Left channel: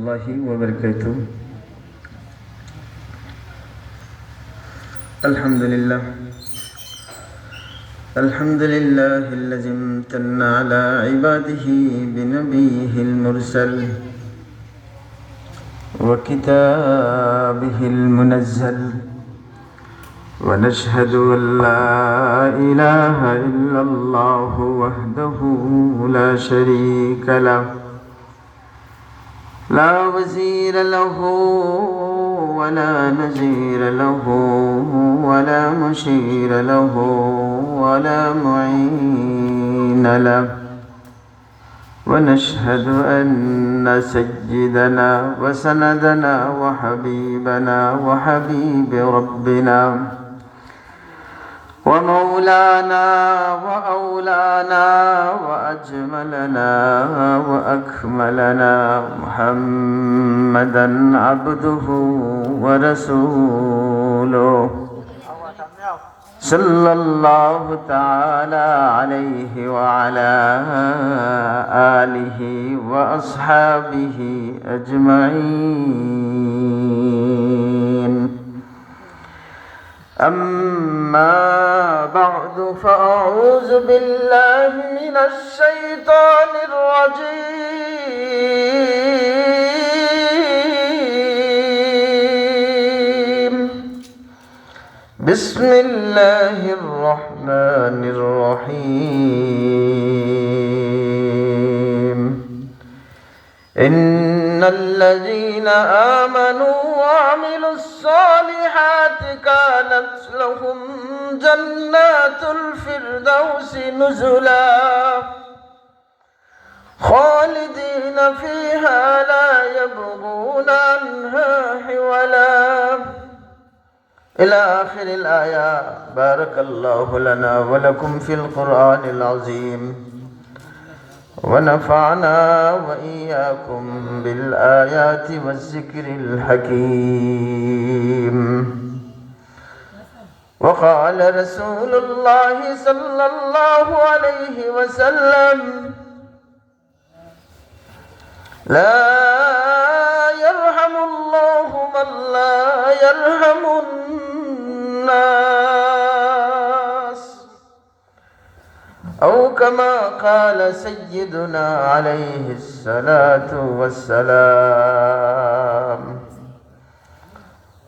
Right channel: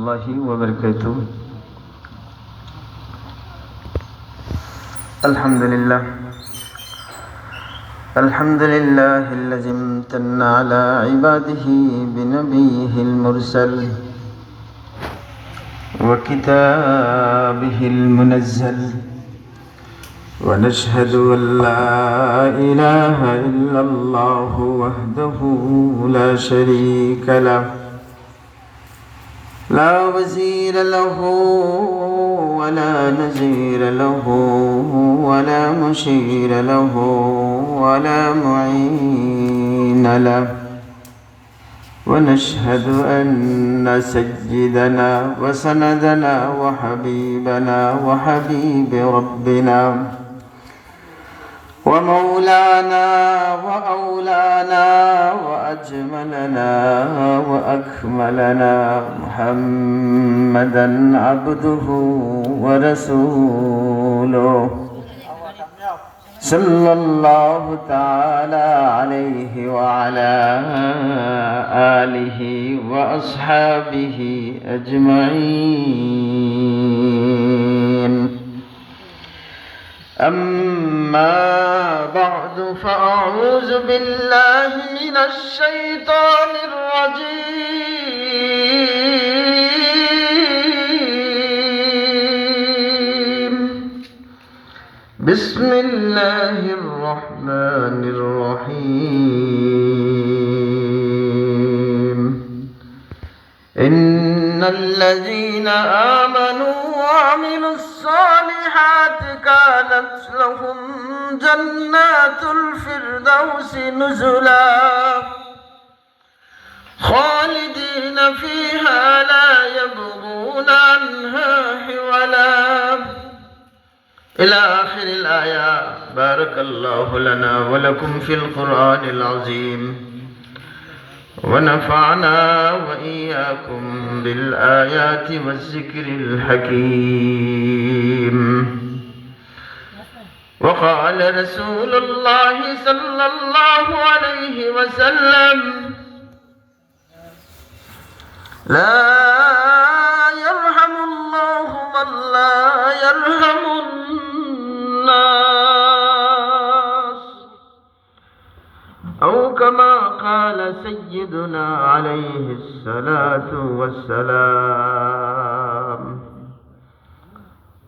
الله وبركاته. الحمد لله الذي امتن على عباده بنبيه المرسل وكتابه المنزل، ونشهد أن لا إله إلا الله وحده لا شريك له، لا وزير له ولا نزير له ولا مشير له ولا معين له. ونشهد أن سيدنا وسندنا وحبيبنا وحبيب ربنا ومولانا وأولانا وأجملنا وأكملنا محمدا عبده ورسوله صلى الله تعالى عليه وعلى آله وأصحابه أجمعين. أما بعد، فأعوذ بالله من الشيطان الرجيم. بسم الله الرحمن الرحيم. إن الذين آمنوا وعملوا الصالحات كانت لهم جنات الفردوس نزلا خالدين فيها لا يبغون عنها حولا، إلى آخر الآية. بارك الله لنا ولكم في القرآن العظيم، ونفعنا وإياكم بالآيات والذكر الحكيم. وقال رسول الله صلى الله عليه وسلم: لا يرحم الله من لا يرحم الناس، أو كما قال سيدنا عليه الصلاة والسلام.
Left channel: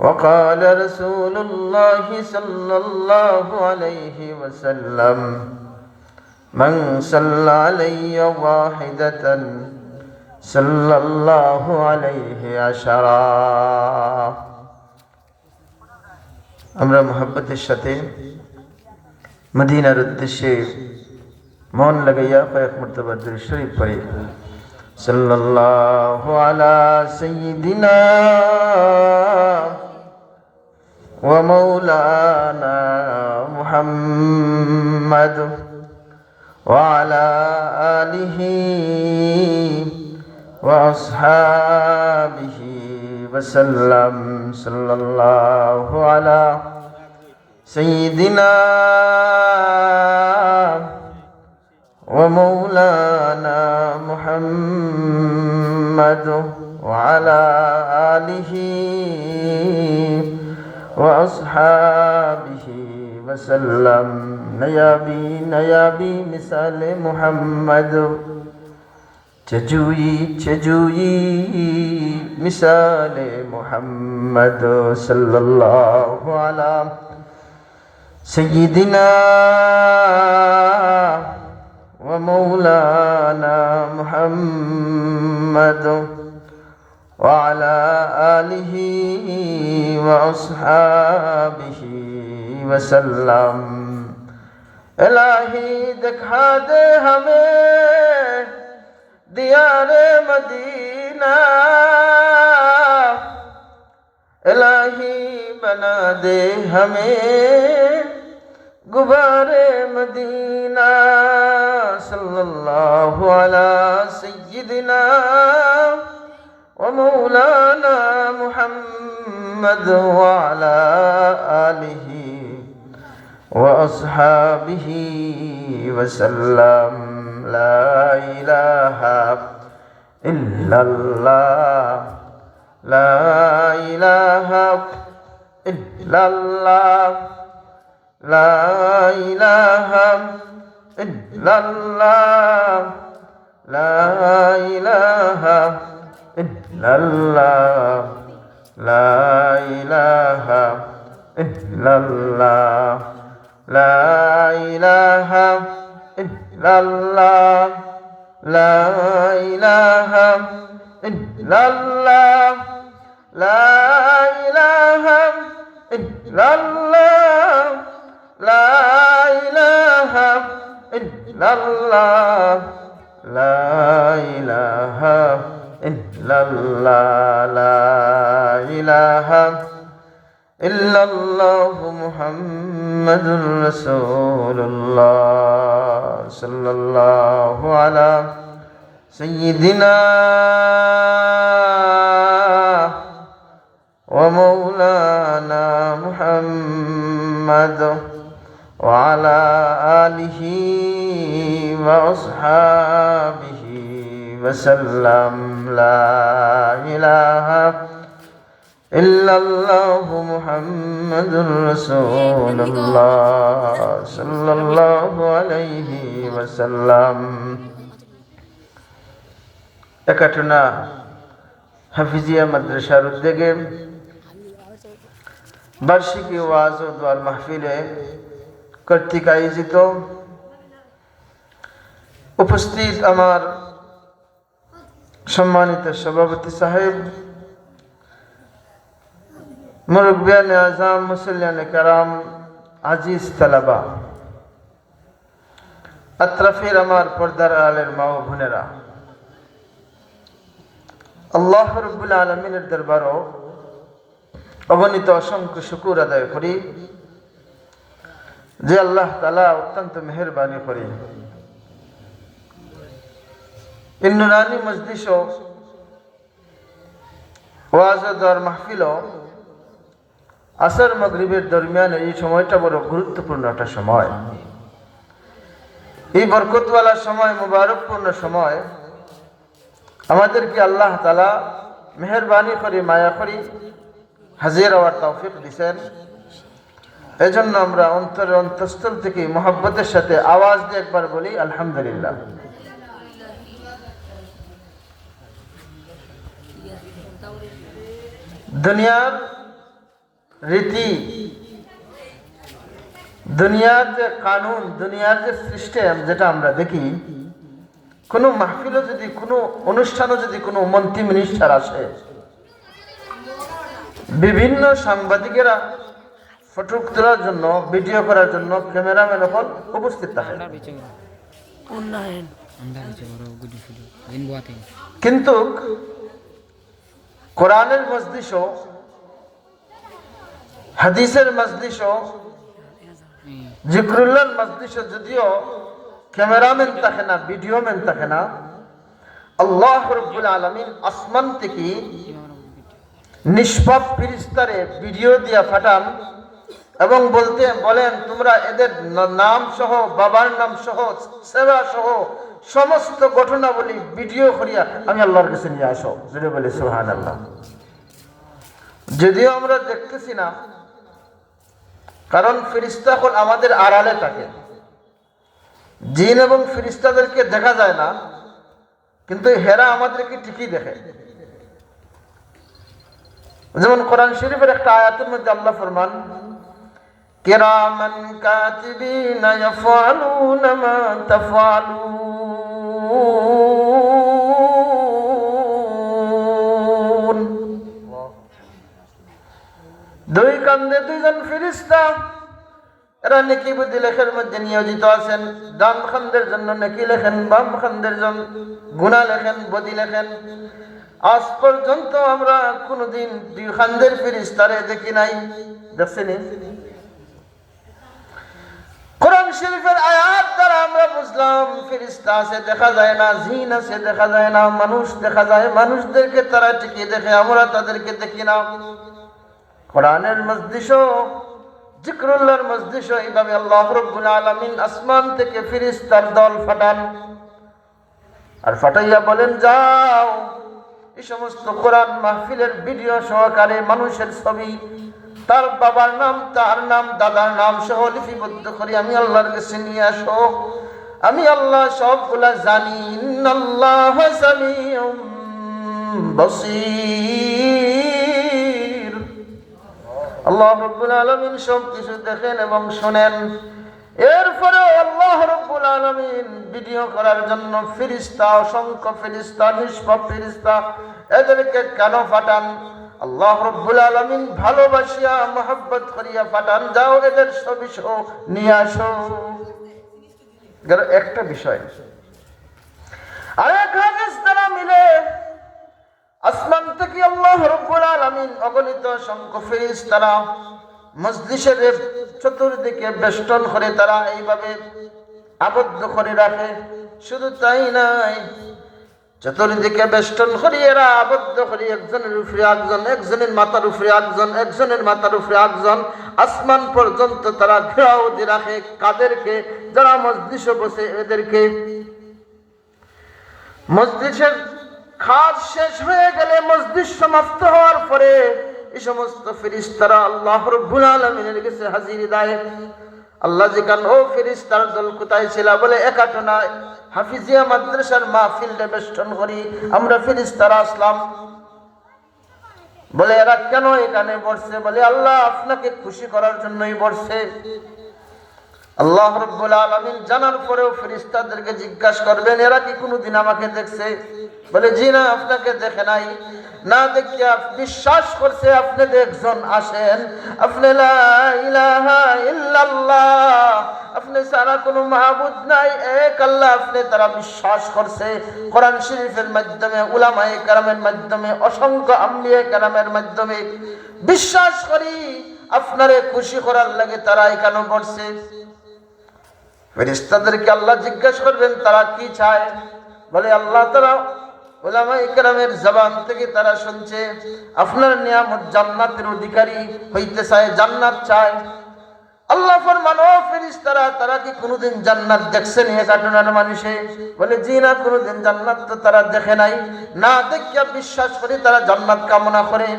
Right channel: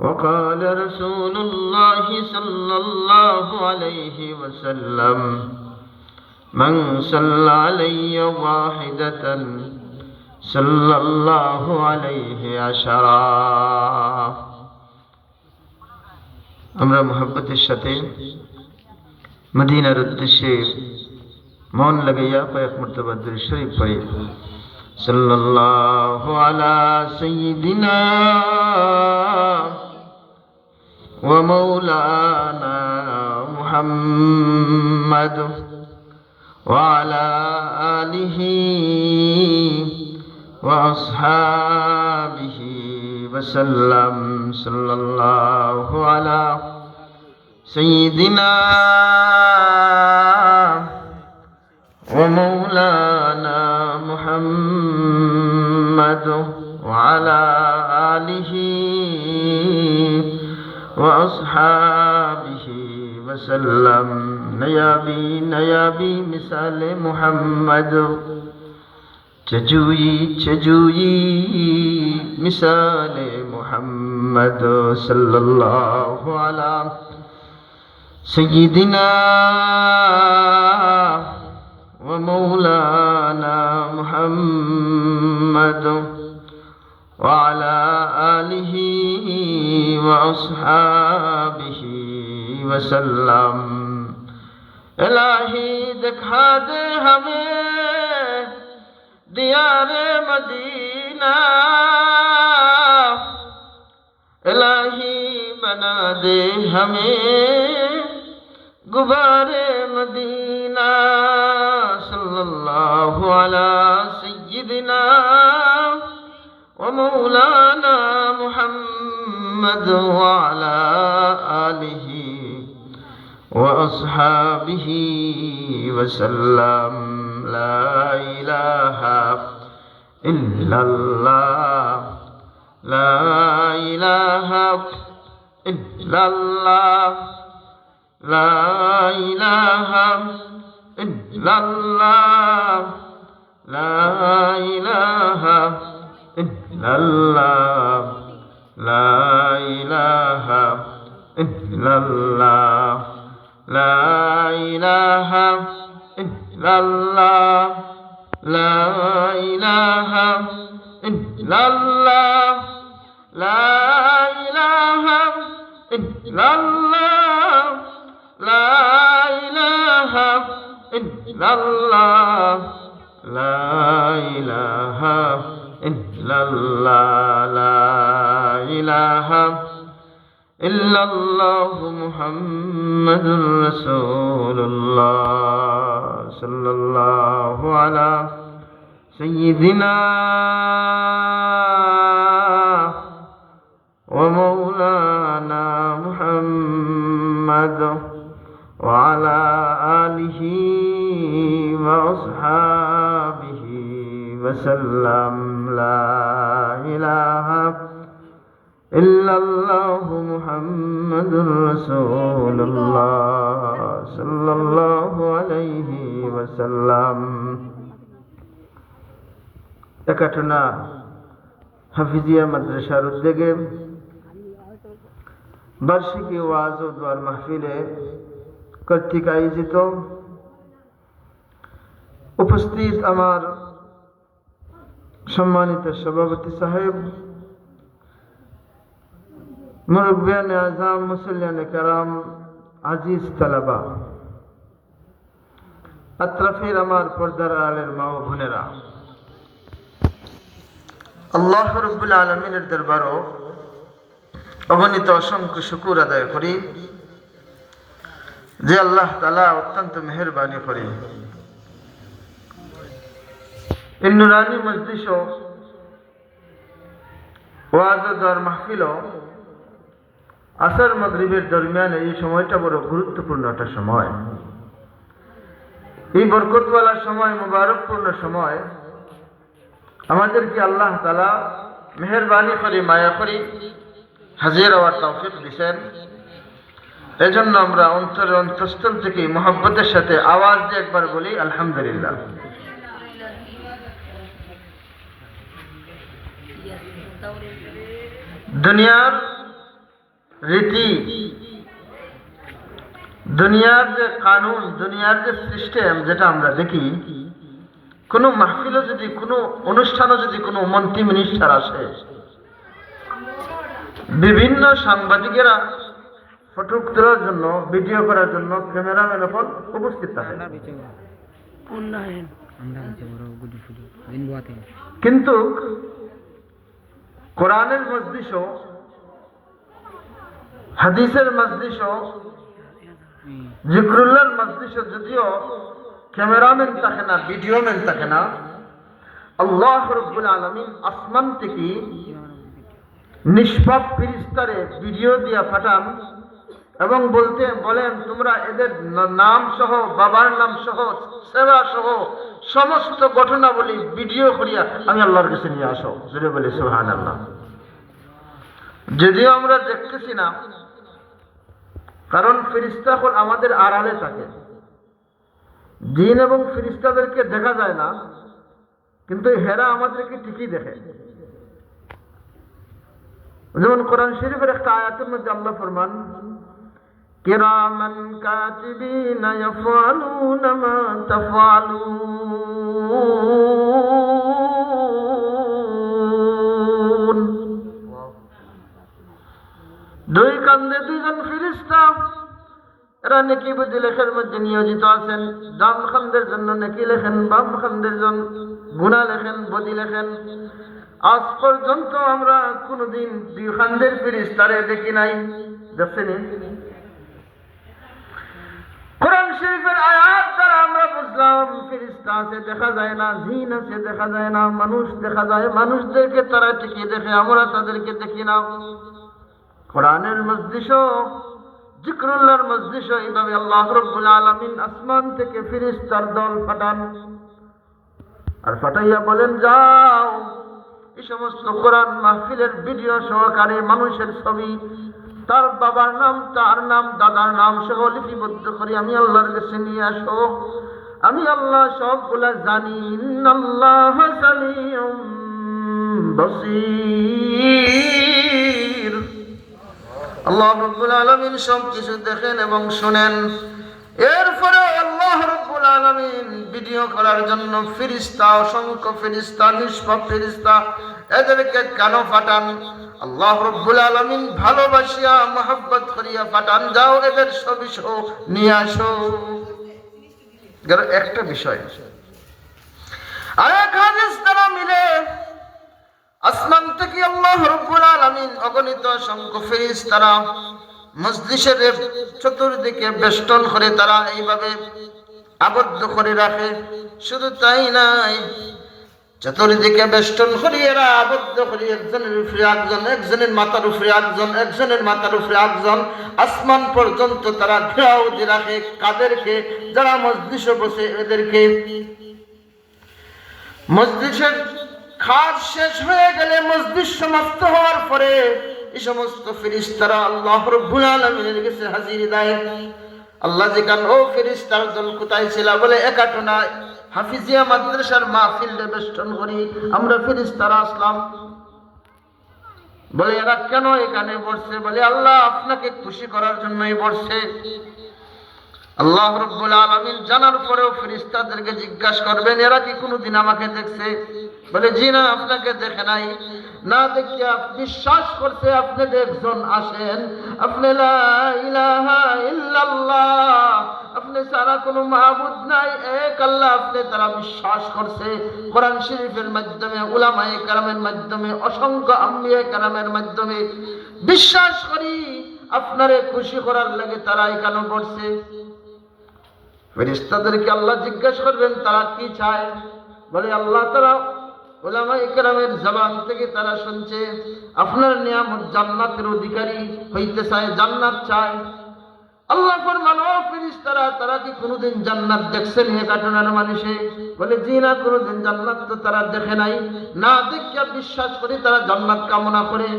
وقال رسول الله صلى الله عليه وسلم: من صلى علي واحدة صلى الله عليه عشرا। আমরা মুহাব্বতের সাথে মদিনার উদ্দেশ্যে মন লাগাইয়া কয়েক মর্তবা দুরূদ শরীফ পড়ি। সাল্লাল্লাহু আলা সাইয়্যিদিনা ওয়া মাওলানা মুহাম্মাদ ওয়া আলা আলিহি ওয়া আসহাবিহি ওয়া সাল্লাম। সাল্লাল্লাহু আলা সাইয়্যিদিনা ومولانا محمد وعلى آله وأصحابه وسلم. نيابي مثال محمد، چجوئی مثال محمد. صلى الله على سيدنا ومولانا محمد وعلى آله وأصحابه وسلم. الہی دکھا دے ہمیں دیار مدینہ، الہی بنا دے ہمیں غبار مدینہ. صلی اللہ علی سیدنا ومولانا محمد وعلى آله وأصحابه وسلم. لا إله ইল্লাল্লাহ, লা ইলাহা ইল্লাল্লাহ, লা ইলাহা ইল্লাল্লাহ, লা ইলাহা ইল্লাল্লাহ, লা ইলাহা ইল্লাল্লাহ, লা ইলাহা ইল্লাল্লাহ, লা ইলাহা ইল্লাল্লাহ, লা ইলাহা ইল্লাল্লাহ, লা ইলাহা ইল্লাল্লাহ, লা ইলাহা ইল্লাল্লাহ, লা ইলাহা ইল্লাল্লাহ মুহাম্মাদুর রাসূলুল্লাহ সাল্লাল্লাহু আলা সাইয়্যিদিনা ওয়া মাওলানা মুহাম্মাদ ওয়া আলা আলিহি ওয়া আসহাবিহি ওয়া সাল্লাম। লা ইলাহা ইল্লাল্লাহু মুহাম্মাদুর রাসূলুল্লাহ সাল্লাল্লাহু আলাইহি ওয়াসাল্লাম। একাটুনা হাফিজিয়া মাদ্রাসার উদ্যোগে বার্ষিকী ওয়াজ ও দোয়ার মাহফিলে কর্তৃক আয়োজিত উপস্থিত আমার সম্মানিত সভাপতি সাহেব, মুরব্বিয়ান আজম, মুসল্লিয়ান কেরাম, আজিজ তালাবা, আত্রাফের আমার পর্দার আলের মা ও বোনেরা, আল্লাহ রাব্বুল আলামিনের দরবারও অগণিত অসংখ্য শুকর আদায় করি যে আল্লাহ তাআলা অত্যন্ত মেহেরবানি করে এই নুরানি মজলিস ও ওয়াজ ও দোয়ার মাহফিল আসর মাগরিবের দরমিয়ান এই সময়টা বড় গুরুত্বপূর্ণ একটা সময়। এই বরকতওয়ালা সময়, মুবারকপূর্ণ সময় আমাদেরকে আল্লাহ তাআলা মেহেরবানি করে, মায়া করে হাজির হওয়ার তৌফিক দিয়েছেন। এজন্য আমরা অন্তরের অন্তঃস্থল থেকে মহব্বতের সাথে আওয়াজ দিয়ে একবার বলি আলহামদুলিল্লাহ। দুনিয়ার রীতি, দুনিয়ার যে কানুন, দুনিয়ার যে সিস্টেম যেটা আমরা দেখি, কোনো মাহফিলও যদি, কোনো অনুষ্ঠানও যদি কোনো মন্ত্রী মিনিস্টার আসে, বিভিন্ন সাংবাদিকেরা ফটো তোলার জন্য, ভিডিও করার জন্য ক্যামেরাম্যান এখন উপস্থিত থাকে, কিন্তু কোরআনের মজলিসও, হাদিসের মজলিসও, জিকরুল্লাহর মজলিসও যদিও ক্যামেরাম্যান থাকে না, ভিডিওম্যান থাকে না, আল্লাহ রাব্বুল আলামিন আসমান থেকে নিষ্পাপ ফেরেশতারে ভিডিও দিয়া পাঠান এবং বলেন তোমরা এদের নাম সহ, বাবার নাম সহ, সেবা সহ সমস্ত ঘটনাবলী ভিডিও করিয়া আমি আল্লাহর কাছে নিয়ে আসো। জোরে বলি সুবহানাল্লাহ। যদিও আমরা দেখতেছি না, কারণ ফেরেশতা হল আমাদের আড়ালে থাকে, জিন এবং ফেরেশতাদেরকে দেখা যায় না, কিন্তু হেরা আমাদেরকে ঠিকই দেখে। যেমন কোরআন শরীফের একটা আয়াতের মধ্যে আল্লাহ ফরমান, কিরামান কাতিবিনা ইয়াফআলুনা মা তাফআলুন। দুই কান্দে দুইজন ফেরেশতা, এরা নেকি বদি লেখার মধ্যে নিয়োজিত আছেন। ডান খান্দের জন্য নেকি লেখেন, বাম খান্দের জন্য গুনাহ লেখেন, বদি লেখেন। আজ পর্যন্ত আমরা কোনদিন দুই খান্দের ফেরেশতারে দেখি নাই। দেখছেন? কোরআন শরীফের আয়াত দ্বারা আমরা বুঝলাম ফেরেশতা আছে দেখা যায় না, জিন আছে দেখা যায় না, মানুষ দেখা যায়, মানুষদেরকে তারা ঠিকই দেখে, আমরা তাদেরকে দেখি না। কোরআনের মজলিসও, জিকরুল্লাহর মজলিসও এইভাবে আল্লাহ রাব্বুল আলামিন আসমান থেকে ফেরেশতার দল পাঠান। আর ফাটাইয়া বলেন, যাও এই সমস্ত কোরআন মাহফিলের ভিডিও সহকারে মানুষের ছবি, তার বাবার নাম, তার নাম, দাদার নাম সহ লিপিবদ্ধ করে আমি আল্লাহর কাছে নিয়ে আসো। আমি আল্লাহ সবগুলা জানি। ইন্নাল্লাহ সামিউম বাসীর। আল্লাহ রাব্বুল আলামিন সব কিছু দেখেন এবং শোনেন। এরপরে আল্লাহ রাব্বুল আলামিন ভিডিও করার জন্য ফেরেশতা, অসংখ্য ফেরেশতা, নিষ্পাপ ফেরেশতা, এদেরকে কেন পাঠান? আল্লাহ রাব্বুল আলামিন ভালোবাসিয়া মহব্বত করিয়া পাঠান, যাও এদের ছবি সহ নিয়ে আসো। একটা বিষয়, আরেক হাদিস তারা মিলে আসমান থেকে আল্লাহ রাব্বুল আলামিন অগণিত সংখ্য ফেরেশতারা মজলিসের চতুর্দিকে বেষ্টন করে তারা এইভাবে আবদ্ধ করে রাখে। শুধু তাই নাই, চতুর্দিকে বেষ্টন করে এরা আবদ্ধ করে একজনের উপরে একজন, একজনের মাথার উপরে একজন, একজনের মাথার উপরে একজন, আসমান পর্যন্ত তারা ঘেরাও দিয়ে রাখে। কাদেরকে? যারা মজলিসে বসে এদেরকে। মজলিসের কাজ শেষ হয়ে গেলে, মজলিস সমাপ্ত হওয়ার পরে এই সমস্ত ফেরেশতারা আল্লাহ রাব্বুল আলামিনের কাছে হাজির দেয়। আল্লাহ জিজ্ঞান, ও ফেরেশতার দল কোথায় ছিল? বলে একাটনায় হাফিজিয়া মাদ্রাসার মাহফিলে বেষ্টন করি আমরা ফেরেশতারা আসলাম। বলে এরা কেন এখানে বসছে? বলে আল্লাহ আপনাকে খুশি করার জন্যই বসছে। আল্লাহ রাব্বুল আলামিন জানার পরেও ফেরেশতাদেরকে জিজ্ঞাসা করবেন, এরা কি কোনোদিন আমাকে দেখছে? বলে জি না, আপনাকে দেখে নাই। না দেখে বিশ্বাস করছে আপনি একজন আসেন, আপনি লা ইলাহা ইল্লাল্লাহ, আপনি ছাড়া কোনো মাবুদ নাই, এক আল্লাহ, আপনি তারা বিশ্বাস করছে। কোরআন শরীফের মাধ্যমে, উলামায়ে কেরামের মাধ্যমে, অসংখ্য আম্বিয়া কেরামের মাধ্যমে বিশ্বাস করি আপনারে খুশি করার লাগে তারা এখানে বসছে। ফেরেশতাদেরকে আল্লাহ জিজ্ঞাসা করবেন তারা কি চায়? বলে আল্লাহ তারা উলামায়ে কেরামের জবান থেকে তারা শুনছে আপনার নিয়ামত জান্নাতের অধিকারী হইতে চায়, জান্নাত চায়। আল্লাহ ফরমান, ও ফেরেশতারা, তারা কি কোনোদিন জান্নাত দেখছেন এ ঘটনার মানুষে? বলে জি না, কোনোদিন জান্নাত তো তারা দেখে নাই। না দেখিয়া বিশ্বাস করি তারা জান্নাত কামনা করে।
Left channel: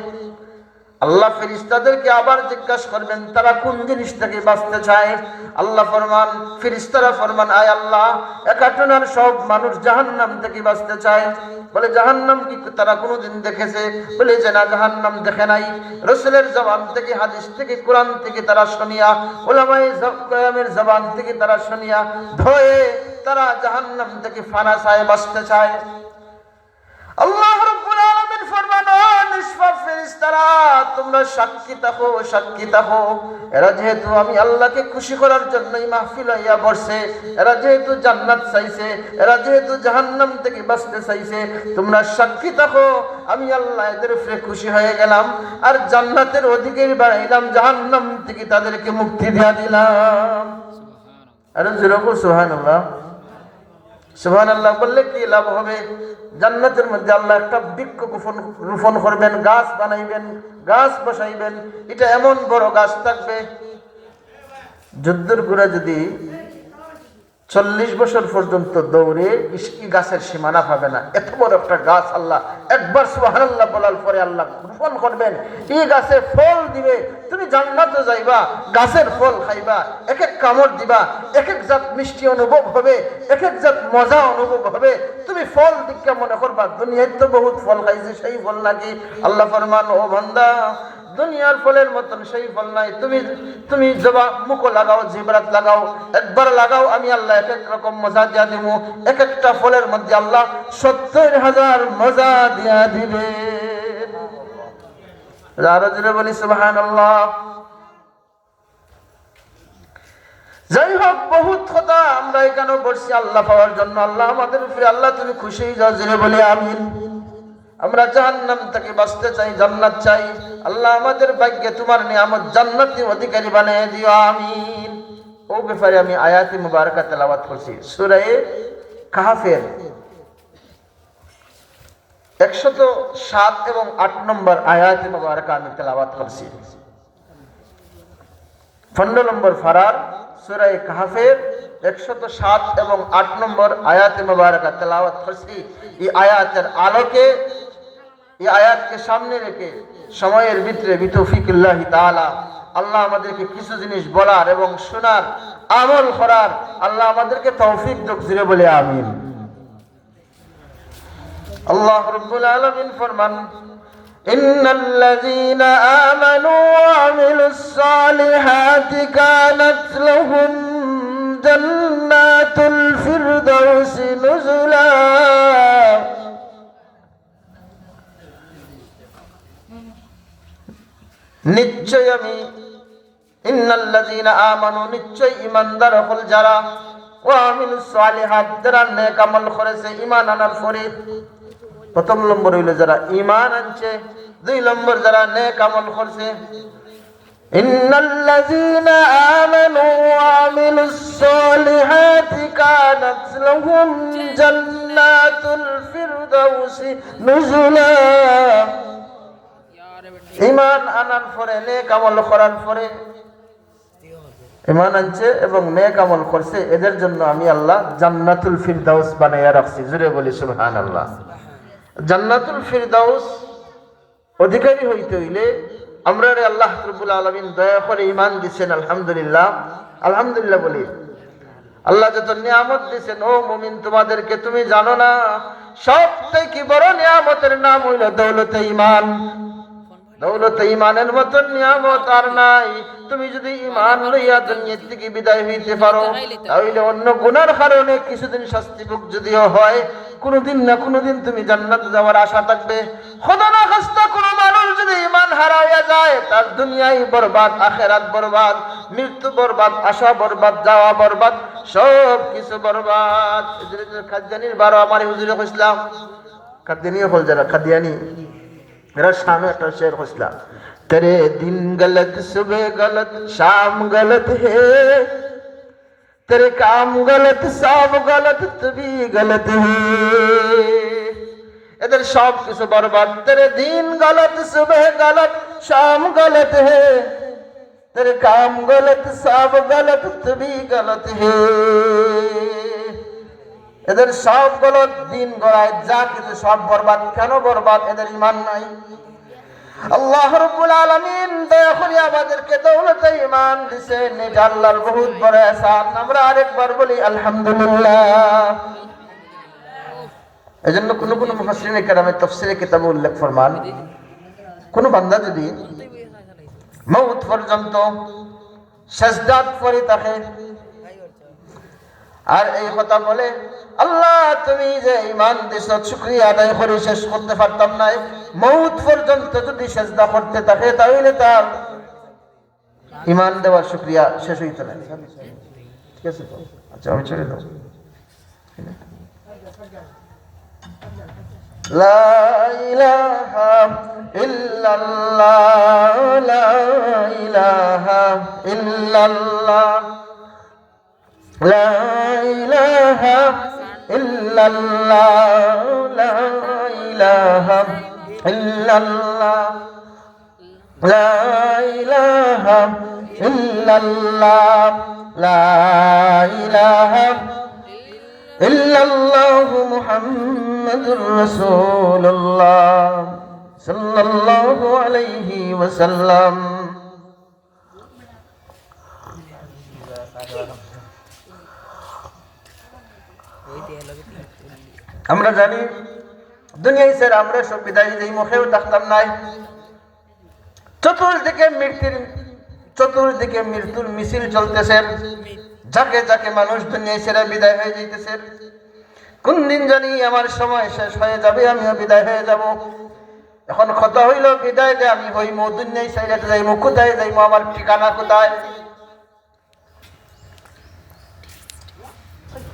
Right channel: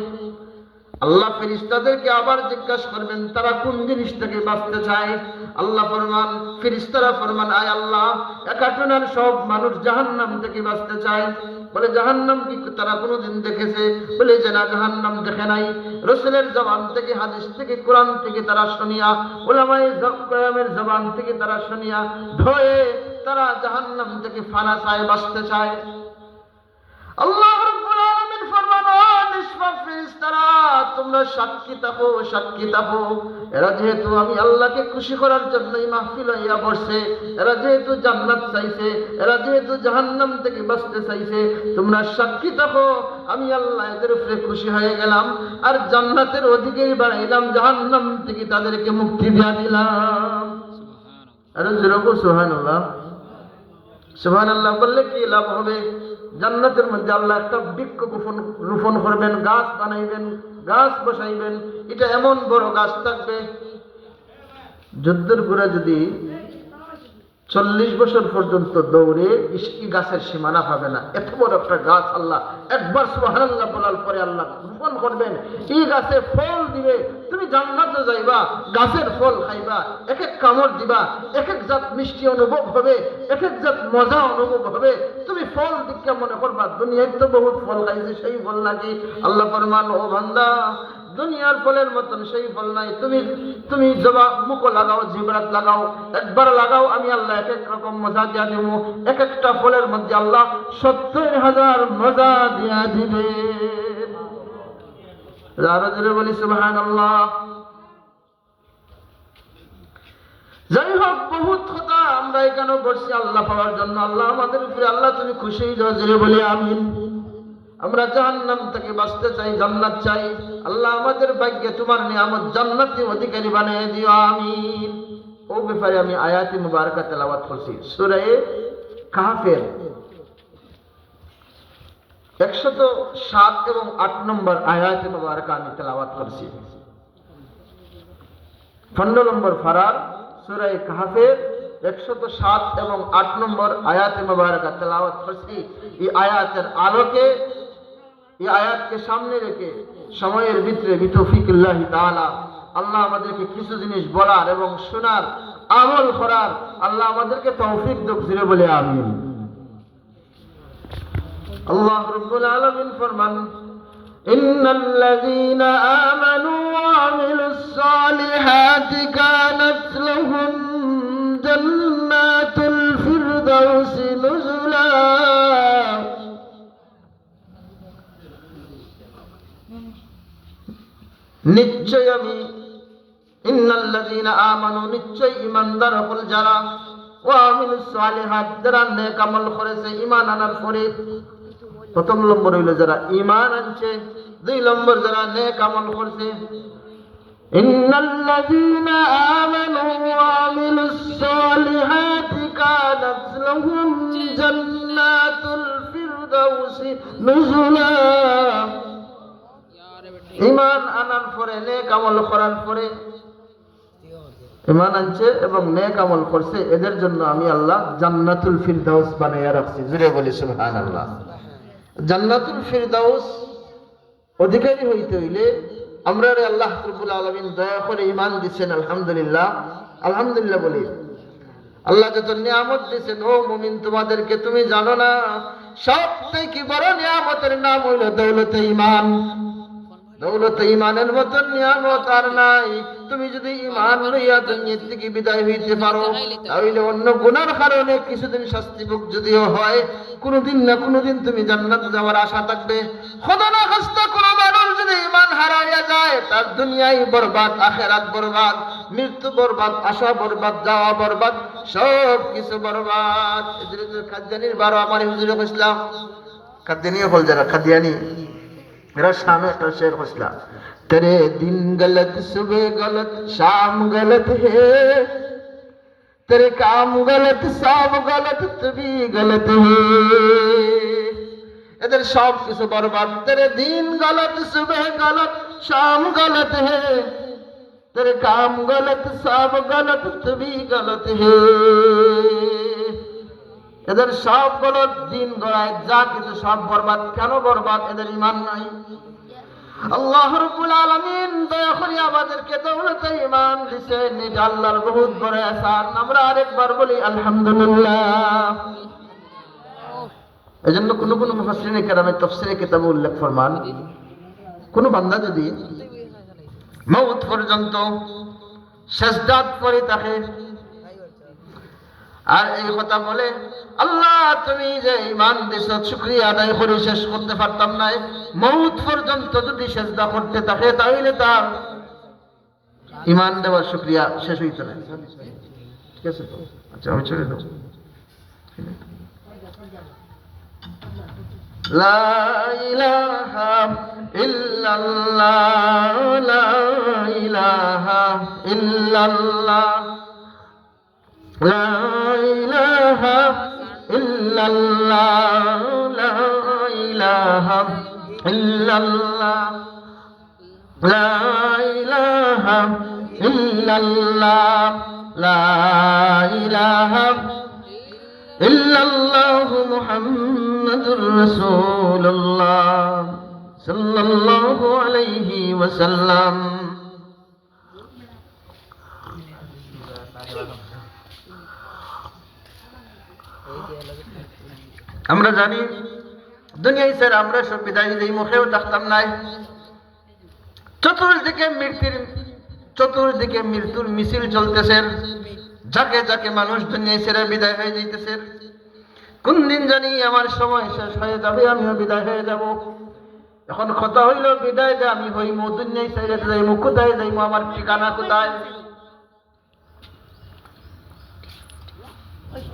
আল্লাহ ফেরেশতাদেরকে আবার জিজ্ঞাসা করবেন তারা কোন জিনিস থেকে বাঁচতে চায়। আল্লাহ ফরমান, ফেরেশতারা ফরমান, আয় আল্লাহ, একাটনার সব মানুষ জাহান্নাম থেকে বাঁচতে চায়। বলে জাহান্নাম কি তারা কোনোদিন দেখেছে? বলে যে না, জাহান্নাম দেখে নাই। রাসূলের জবান থেকে, হাদিস থেকে, কোরআন থেকে তারা শুনিয়া, উলামায়ে কেরামের জবান থেকে তারা শুনিয়া ভয়ে তারা জাহান্নাম থেকে ফানা চায়, বাঁচতে চায়। আল্লাহ রাব্বুল আলামিন ফরমান, ও নিষ্পাপ ফেরেশতারা, তোমরা সাক্ষী থাকো, সাক্ষী থাকো। এরা যেহেতু আমি আল্লাহকে খুশি করার জন্যই মাহফিল হইয়া বসছে, এরা যেহেতু জান্নাত চাইছে, এরা যেহেতু জাহান্নাম থেকে বাঁচতে চাইছে, তোমরা সাক্ষী থাকো, আমি আল্লাহ এদের উপরে খুশি হয়ে গেলাম আর জান্নাতের অধিকারী বানাইলাম, জাহান্নাম থেকে তাদেরকে মুক্তি দিয়া দিলাম। আরে যেরকম সুবহানাল্লাহ। সুবহানাল্লাহ বললে কি লাভ হবে? জান্নাতের মধ্যে আল্লাহ একটা বৃক্ষ রোপণ করবেন, গাছ বানাইবেন, গাছ বসাইবেন। এটা এমন বড় গাছ থাকবে, যুদ্ধের ঘোড়া যদি 40 বছর পর্যন্ত দৌড়ে গাছের সীমানা পাবে না। এত বড় একটা গাছ আল্লাহ একবার সুবহানাল্লাহ বলার পরে আল্লাহ রোপণ করবেন। এই গাছে ফল দিবে, তুমি জান্নাতে যাইবা, গাছের ফল খাইবা, এক এক কামড় দিবা, এক এক জাত মিষ্টি অনুভব হবে, এক এক জাত মজা অনুভব হবে। তুমি ফল দিকে মনে করবা দুনিয়ায় তো বহুত ফল খাইছে, সেই ফল নাকি? আল্লাহ ফরমান, ও বান্দা, দুনিয়ার ফলের মতন সেই ফল নাই। তুমি জবা মুখো লাগাও, জিবরাত লাগাও, একবার লাগাও, আমি আল্লাহ এক এক রকম মজা দিয়া দিব। এক একটা ফলের মধ্যে আল্লাহ 70,000 মজা দিয়া দিবে। আরো জোরে বলি সুবহানাল্লাহ। যাই হোক, বহুত কথা আমরা এখানে বসছি আল্লাহ পাওয়ার জন্য। আল্লাহ আমাদের উপরে, আল্লাহ তুমি খুশি হয়ে যাও, জোরে বলি আমিন। আমরা জাহান্নাম থেকে বাঁচতে চাই, জান্নাত চাই। আল্লাহ আমাদের ভাগ্যে তোমার নিয়ামত জান্নাতের অধিকারী বানিয়ে দিও, আমিন। ও ব্যাপারে আমি আয়াতে মুবারাকা তেলাওয়াত করছি, সূরা কাহফের 107 এবং 8 নম্বর আয়াতে মুবারাকা আমি তেলাওয়াত করছি। 15 নম্বর ফারার, সূরা কাহফের 107 এবং 8 নম্বর আয়াতে মুবারাকা তেলাওয়াত করছি। এই আয়াতের আলোকে, এই আয়াতকে সামনে রেখে সময়ের ভিতরে বিতৌফিকিল্লাহি তাআলা আল্লাহ আমাদেরকে কিছু জিনিস বলার এবং শোনার, আমল করার আল্লাহ আমাদেরকে তৌফিক দান করে বলে আমিন। আল্লাহ রাব্বুল আলামিন ফরমান, ইন্নাল্লাযীনা আমানু ওয়া আমিলুস সালিহাতি কানাত লাহুম জান্নাতুল ফিরদাউসি নুজুলা। নিশ্চয় আমি, ইন্নাল্লাযীনা আমানু, নিশ্চয় ঈমানদার হল যারা, ওয়া আমিলুস সালিহাত, যারা নেক আমল করেছে ঈমান আনার পরে। প্রথম নম্বর হইল যারা ঈমান আনছে, 2 নম্বর যারা নেক আমল করছে। ইন্নাল্লাযীনা আমানু ওয়া আমিলুস সালিহাতি কানাত লাহুম জান্নাতুল ফিরদাউসি নুজুলা। ঈমান আনার পরে, নেক আমল করার পরে, ঈমান আনছে এবং নেক আমল করছে, এদের জন্য আমি আল্লাহ জান্নাতুল ফিরদাউস বানাইয়া রাখছি। জোরে বলি সুবহানাল্লাহ। জান্নাতুল ফিরদাউস অধিকারী হইতে হইলে আমরা আল্লাহ রাব্বুল আলামিন দয়া করে ঈমান দিয়েছেন, আলহামদুলিল্লাহ। আলহামদুলিল্লাহ বলি। আল্লাহ যত নিয়ামত দিয়েছেন, ও মুমিন তোমাদেরকে তুমি জানো না, সবথেকে বড় নিয়ামতের নাম হইল দৌলতে ঈমান। দৌলতে ঈমানের মতো নিয়ামত আর নাই। তুমি যদি ঈমান লইয়া দুনিয়া থেকে বিদায় হইতে পারো, তাহলে অন্য গুনার কারণে কিছুদিন শাস্তি ভোগ যদিও হয়, কোনদিন না কোনদিন তুমি জান্নাতে যাওয়ার আশা থাকবে। খোদা না খাস্তা কোন মানুষ যদি ঈমান হারাইয়া যায়, তার দুনিয়ায় বরবাদ, আখিরাত বরবাদ, মৃত্যু বরবাদ, আশা বরবাদ, যাওয়া বরবাদ, সব কিছু বরবাদ। কাদিয়ানির 12 আমার হুজুরে কইছিলাম, কাদিয়ানি হল যারা কাদিয়ানি, मेरा शाम का शेर हौसला, तेरे दिन गलत, सुबह गलत, शाम गलत है, तेरे काम गलत, सब गलत, तू भी गलत है। इधर सब कुछ बर्बाद। तेरे दिन गलत, सुबह गलत, शाम गलत है, तेरे काम गलत, सब गलत, तू भी गलत है। এদের সব গলত, দিন গড়ায় যা কিছু সব বরবাদ। কেন বরবাদ? এদের ঈমান নাই। আল্লাহ রাব্বুল আলামিন দয়া করে আমাদেরকে দৌলতে ঈমান দিয়েছেন, এটা আল্লাহর বহুত বড় ihsan। আমরা আরেকবার বলি আলহামদুলিল্লাহ। এজন্য কোন মুফাসসিরিনে কেরামের তাফসীরে কিতাবে উল্লেখ ফরমান, কোন বান্দা যদি মওত পর্যন্ত সাজদাত করে থাকে আর এই কথা বলে, আল্লাহ তুমি যে ঈমান দিয়েছো শুকরিয়া আদায় করে শেষ করতে পারতাম না, মওত পর্যন্ত যদি সিজদা করতে থাকে, তাহলে তার ঈমান দেওয়ার শুকরিয়া শেষ হইতো না। ঠিক আছে তো? আচ্ছা আমি ছেড়ে দাও। লা ইলাহা ইল্লাল্লাহ, লা ইলাহা ইল্লাল্লাহ, লা ইলাহা ইল্লাল্লাহ, লা ইলাহা ইল্লাল্লাহ, লা ইলাহা ইল্লাল্লাহ, লা ইলাহা ইল্লাল্লাহ, মুহাম্মাদুর রাসূলুল্লাহ সাল্লাল্লাহু আলাইহি ওয়াসাল্লাম। আমরা জানি দুনিয়ায় স্যার আমরা সব বিদায় যেই মুখেও থাকতাম নাই। চতুর্দিকে মৃত্যুর মিছিল চলতেছে, যাকে যাকে মানুষ দুনিয়ায় ছেড়ে বিদায় হয়ে যাইতেছে। কোন দিন জানি আমার সময় শেষ হয়ে যাবে, আমিও বিদায় হয়ে যাব। এখন কথা হইল বিদায় যে আমি হইমু, দুনিয়ায় ছেড়ে যাইমু, কোথায় যাইমু, আমার ঠিকানা কোথায়?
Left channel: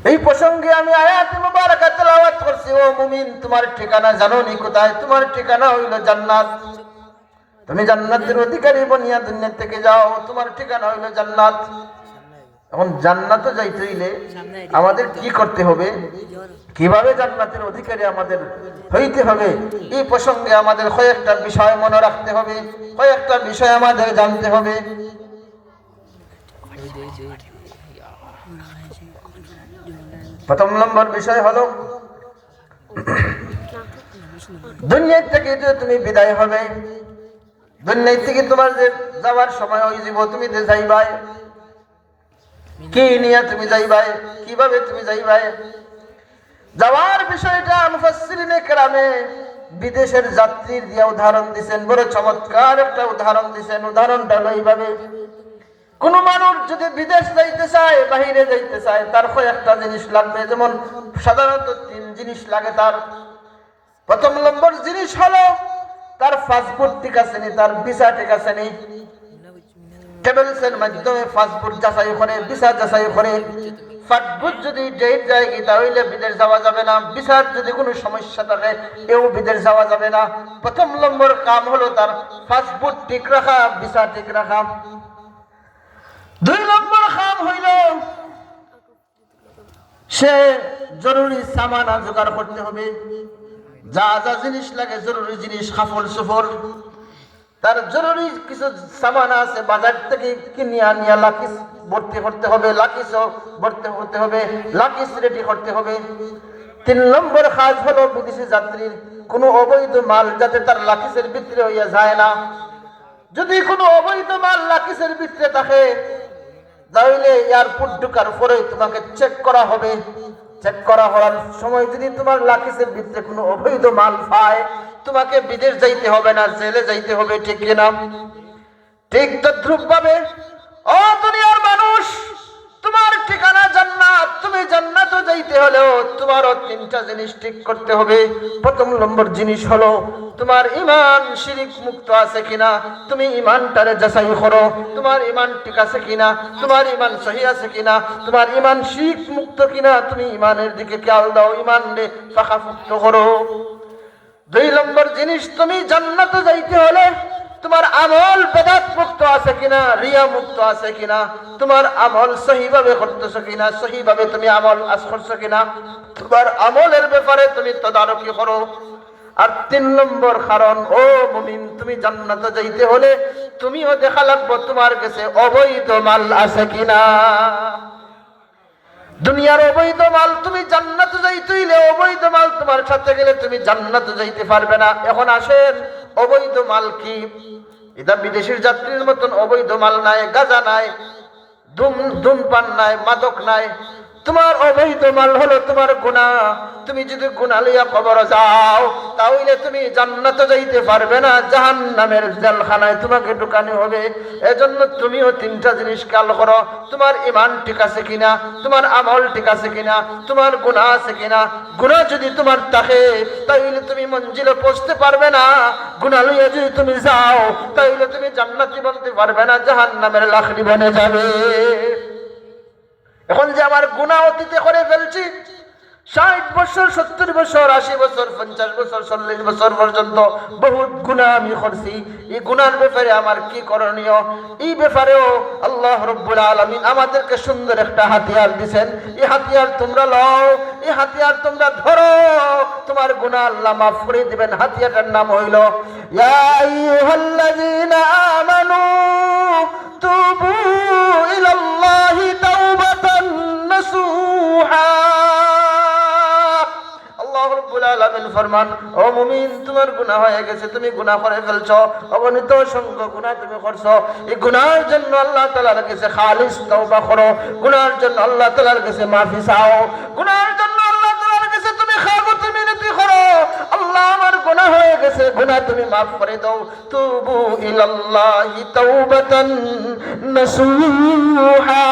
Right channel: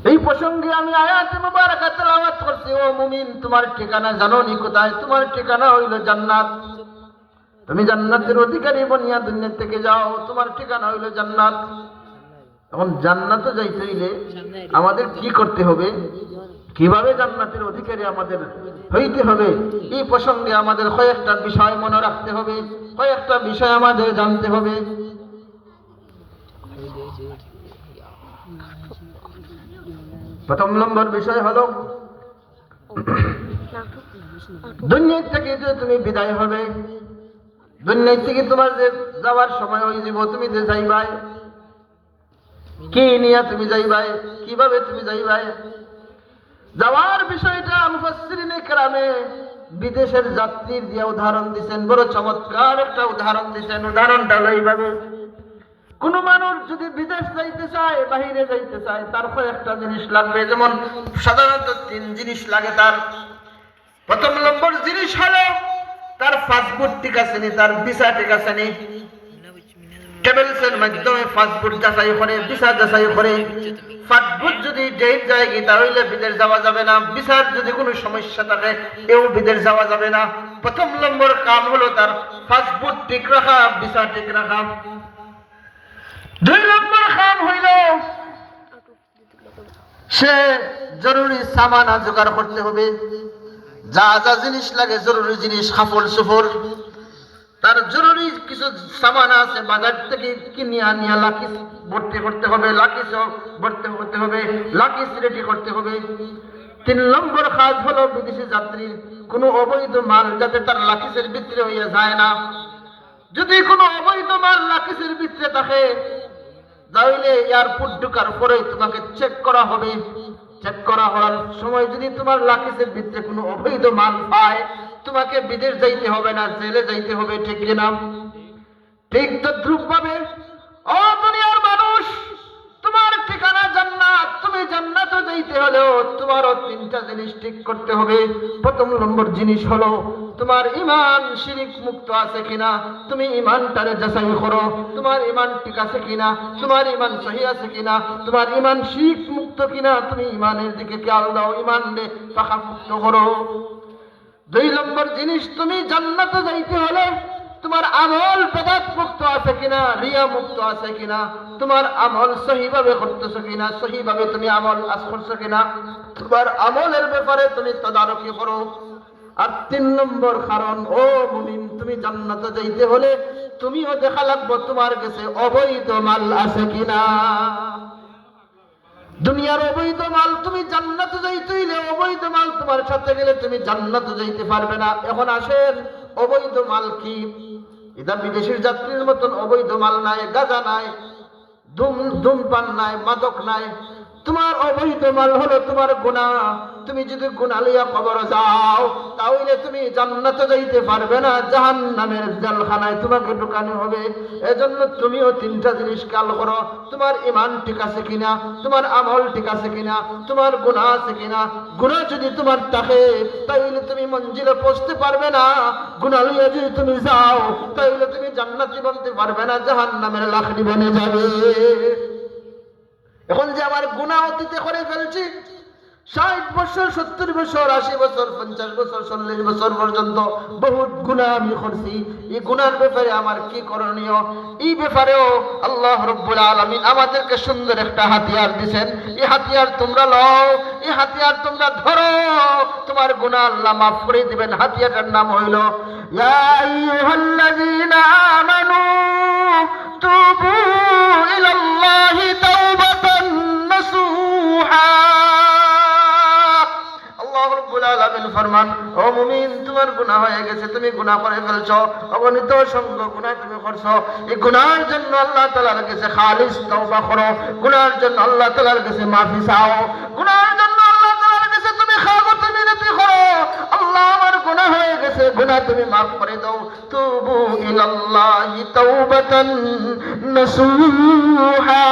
এই প্রসঙ্গে আমি আয়াত মুবারাকা তেলাওয়াত করছি। ও মুমিন, তোমার ঠিকানা জানো নি কোথায়? তোমার ঠিকানা হইল জান্নাত। তুমি জান্নাতের অধিকারী বনিয়া দুনিয়া থেকে যাও, তোমার ঠিকানা হইল জান্নাত। এখন জান্নাতে যাইতে হইলে আমাদের কি করতে হবে, কিভাবে জান্নাতের অধিকারী আমাদের হইতে হবে, এই প্রসঙ্গে আমাদের কয়েকটা বিষয় মনে রাখতে হবে, কয়েকটা বিষয় আমাদের জানতে হবে। প্রথম নম্বর বিষয় হলো দুনিয়া থেকে যে তুমি বিদায় হবে, দুনিয়া থেকে তোমার যে যাওয়ার সময় হয়ে যাব, তুমি যে যাইবাই কি নিয়ে তুমি যাইবাই, কিভাবে তুমি যাইবাই। যাওয়ার বিষয়টা মুফাসসিরিনে কেরামে বিদেশের যাত্রীর দিয়া উদাহরণ দিয়েছেন, বড় চমৎকার একটা উদাহরণ দিয়েছেন। উদাহরণটা হলো এইভাবে, কোন মানুষ যদি বিদেশ যাইতে চায়, বাহিরে যাইতে চায়, তার কয়েকটা জিনিস লাগবে। যেমন সাধারণত 3 জিনিস লাগে তার। প্রথম নম্বর জিনিস হলো তার পাসপোর্ট ঠিক আছে নি, তার ভিসা ঠিক আছে নি। ট্রাভেলসের মাধ্যমে পাসপোর্ট যাচাই করে, ভিসা যাচাই করে। পাসপোর্ট যদি ডেট যায় কি, তাহলে বিদেশ যাওয়া যাবে না। ভিসার যদি কোনো সমস্যা থাকে, এও বিদেশ যাওয়া যাবে না। প্রথম নম্বর কাম হলো তার পাসপোর্ট ঠিক রাখা, ভিসা ঠিক রাখা। 2 নম্বর কাম হইল সে জরুরি সামান জোগাড় করতে হবে। যা যা জিনিস লাগে, জরুরি জিনিস, কাপড় চোপড়, তার জরুরি কিছু সামান আছে, বাজার থেকে কিনে আনিয়া লাকিস ভর্তি করতে হবে, লাকিস ভর্তি করতে হবে, লাকিস রেডি করতে হবে। 3 নম্বর কাজ হলো বিদেশি যাত্রীর কোনো অবৈধ মাল যাতে তার লাকিসের ভিতরে হইয়া যায় না। যদি কোনো অবৈধ মাল লাকিসের ভিতরে থাকে, তাহলে এয়ারপোর্ট ঢোকার পরে তোমাকে চেক করা হবে। চেক করা হওয়ার সময় যদি তোমার লাকিসের ভিতরে কোনো অবৈধ মাল পায়, তোমাকে বিদেশ যাইতে হবে না, জেলে যাইতে হবে। ঠিক কিনা? ঠিক তদ্রুপ ভাবে ও দুনিয়ার মানুষ, তোমার ঠিকানা জান্নাত, তুমি জান্নাতে যাইতে হলেও তোমারও 3টা জিনিস ঠিক করতে হবে। প্রথম নম্বর জিনিস হলো তোমার ঈমান শিরক মুক্ত আছে কিনা, তুমি ঈমানটারে যাচাই করো। তোমার ঈমান ঠিক আছে কিনা, তোমার ঈমান সহি আছে কিনা, তোমার ঈমান শিরক মুক্ত কিনা, তুমি ঈমানের দিকে খেয়াল দাও, ঈমানরে পাকা মুক্ত করো। 2 নম্বর জিনিস, তুমি জান্নাতে যাইতে হলে তোমার আমল বেদাত মুক্ত আছে কিনা, রিয়া মুক্ত আছে কিনা, তোমার আমল সহিভাবে করতেছো কিনা, সহিভাবে তুমি আমল করছো কিনা, তোমার আমলের ব্যাপারে তুমি তদারকি করো। আর 3 নম্বর কারণ, ও মুমিন, তুমি জান্নাতে যাইতে হলে তুমিও দেখা লাগবে তোমার কাছে অবৈধ মাল আছে কিনা। দুনিয়ার অবৈধ মাল, তুমি জান্নাতে যাইতে হইলে অবৈধ মাল তোমার সাথে গেলে তুমি জান্নাতে যাইতে পারবে না। এখন আসেন, অবৈধ মাল কি? এটা বিদেশের যাত্রীর মতন অবৈধ মাল নাই, গাঁজা নাই, ধূমপান নাই, মাদক নাই। তোমার অবৈধ মাল হলো তোমার গুনাহ। তুমি যদি গুনাহ লইয়া কবরে যাও, তাহলে তুমি জান্নাতে যাইতে পারবে না, জাহান্নামের জেলখানায় তোমাকে ঢুকানো হবে। এজন্য তুমিও 3টা জিনিস খেয়াল করো, তোমার ঈমান ঠিক আছে কিনা, তোমার আমল ঠিক আছে কিনা, তোমার গুনাহ আছে কিনা। গুনাহ যদি তোমার থাকে, তাহলে তুমি মঞ্জিলে পৌঁছতে পারবে না। গুনাহ লইয়া যদি তুমি যাও, তাহলে তুমি জান্নাতি বনতে পারবে না, জাহান্নামের লাকড়ি বনে যাবে। এখন যে আমার গুনাহ অতীতে করে ফেলছি, 60 বছর, 70 বছর, 80 বছর, 50 বছর, 40 বছর পর্যন্ত বহুত গুনাহ আমি করছি। এই গুনার ব্যাপারে আমার কি করণীয়? এই ব্যাপারেও আল্লাহ রাব্বুল আলামিন আমাদেরকে সুন্দর একটা হাতিয়ার দিবেন। এই হাতিয়ার তোমরা লও, এই হাতিয়ার তোমরা ধরো, তোমার গুনাহ আল্লাহ মাফ করে দিবেন। হাতিয়ারটার নাম হইল ইয়া আইয়ুহাল্লাযীনা আমানু তুবু ইলাল্লাহি তাওবাতান নাসুহা। আল্লাহ রাব্বুল আলামিন ফরমান, ও মুমিন, তোমার গুনাহ হয়ে গেছে, তুমি গুনাহ করে ফেলছো, অগণিত অসংখ্য গুনাহ তুমি করছো। এই গুনাহের জন্য আল্লাহ তাআলার কাছে খালিস তওবা করো, গুনাহের জন্য আল্লাহ তাআলার কাছে মাফি চাও, গুনাহের জন্য আল্লাহ তাআলার কাছে তুমি খাগত মিনতি করো। আল্লাহ, আমার গুনাহ হয়ে গেছে, গুনাহ তুমি মাফ করে দাও। তুবু ইলাল্লাহি তাওবাতান নাসুহা।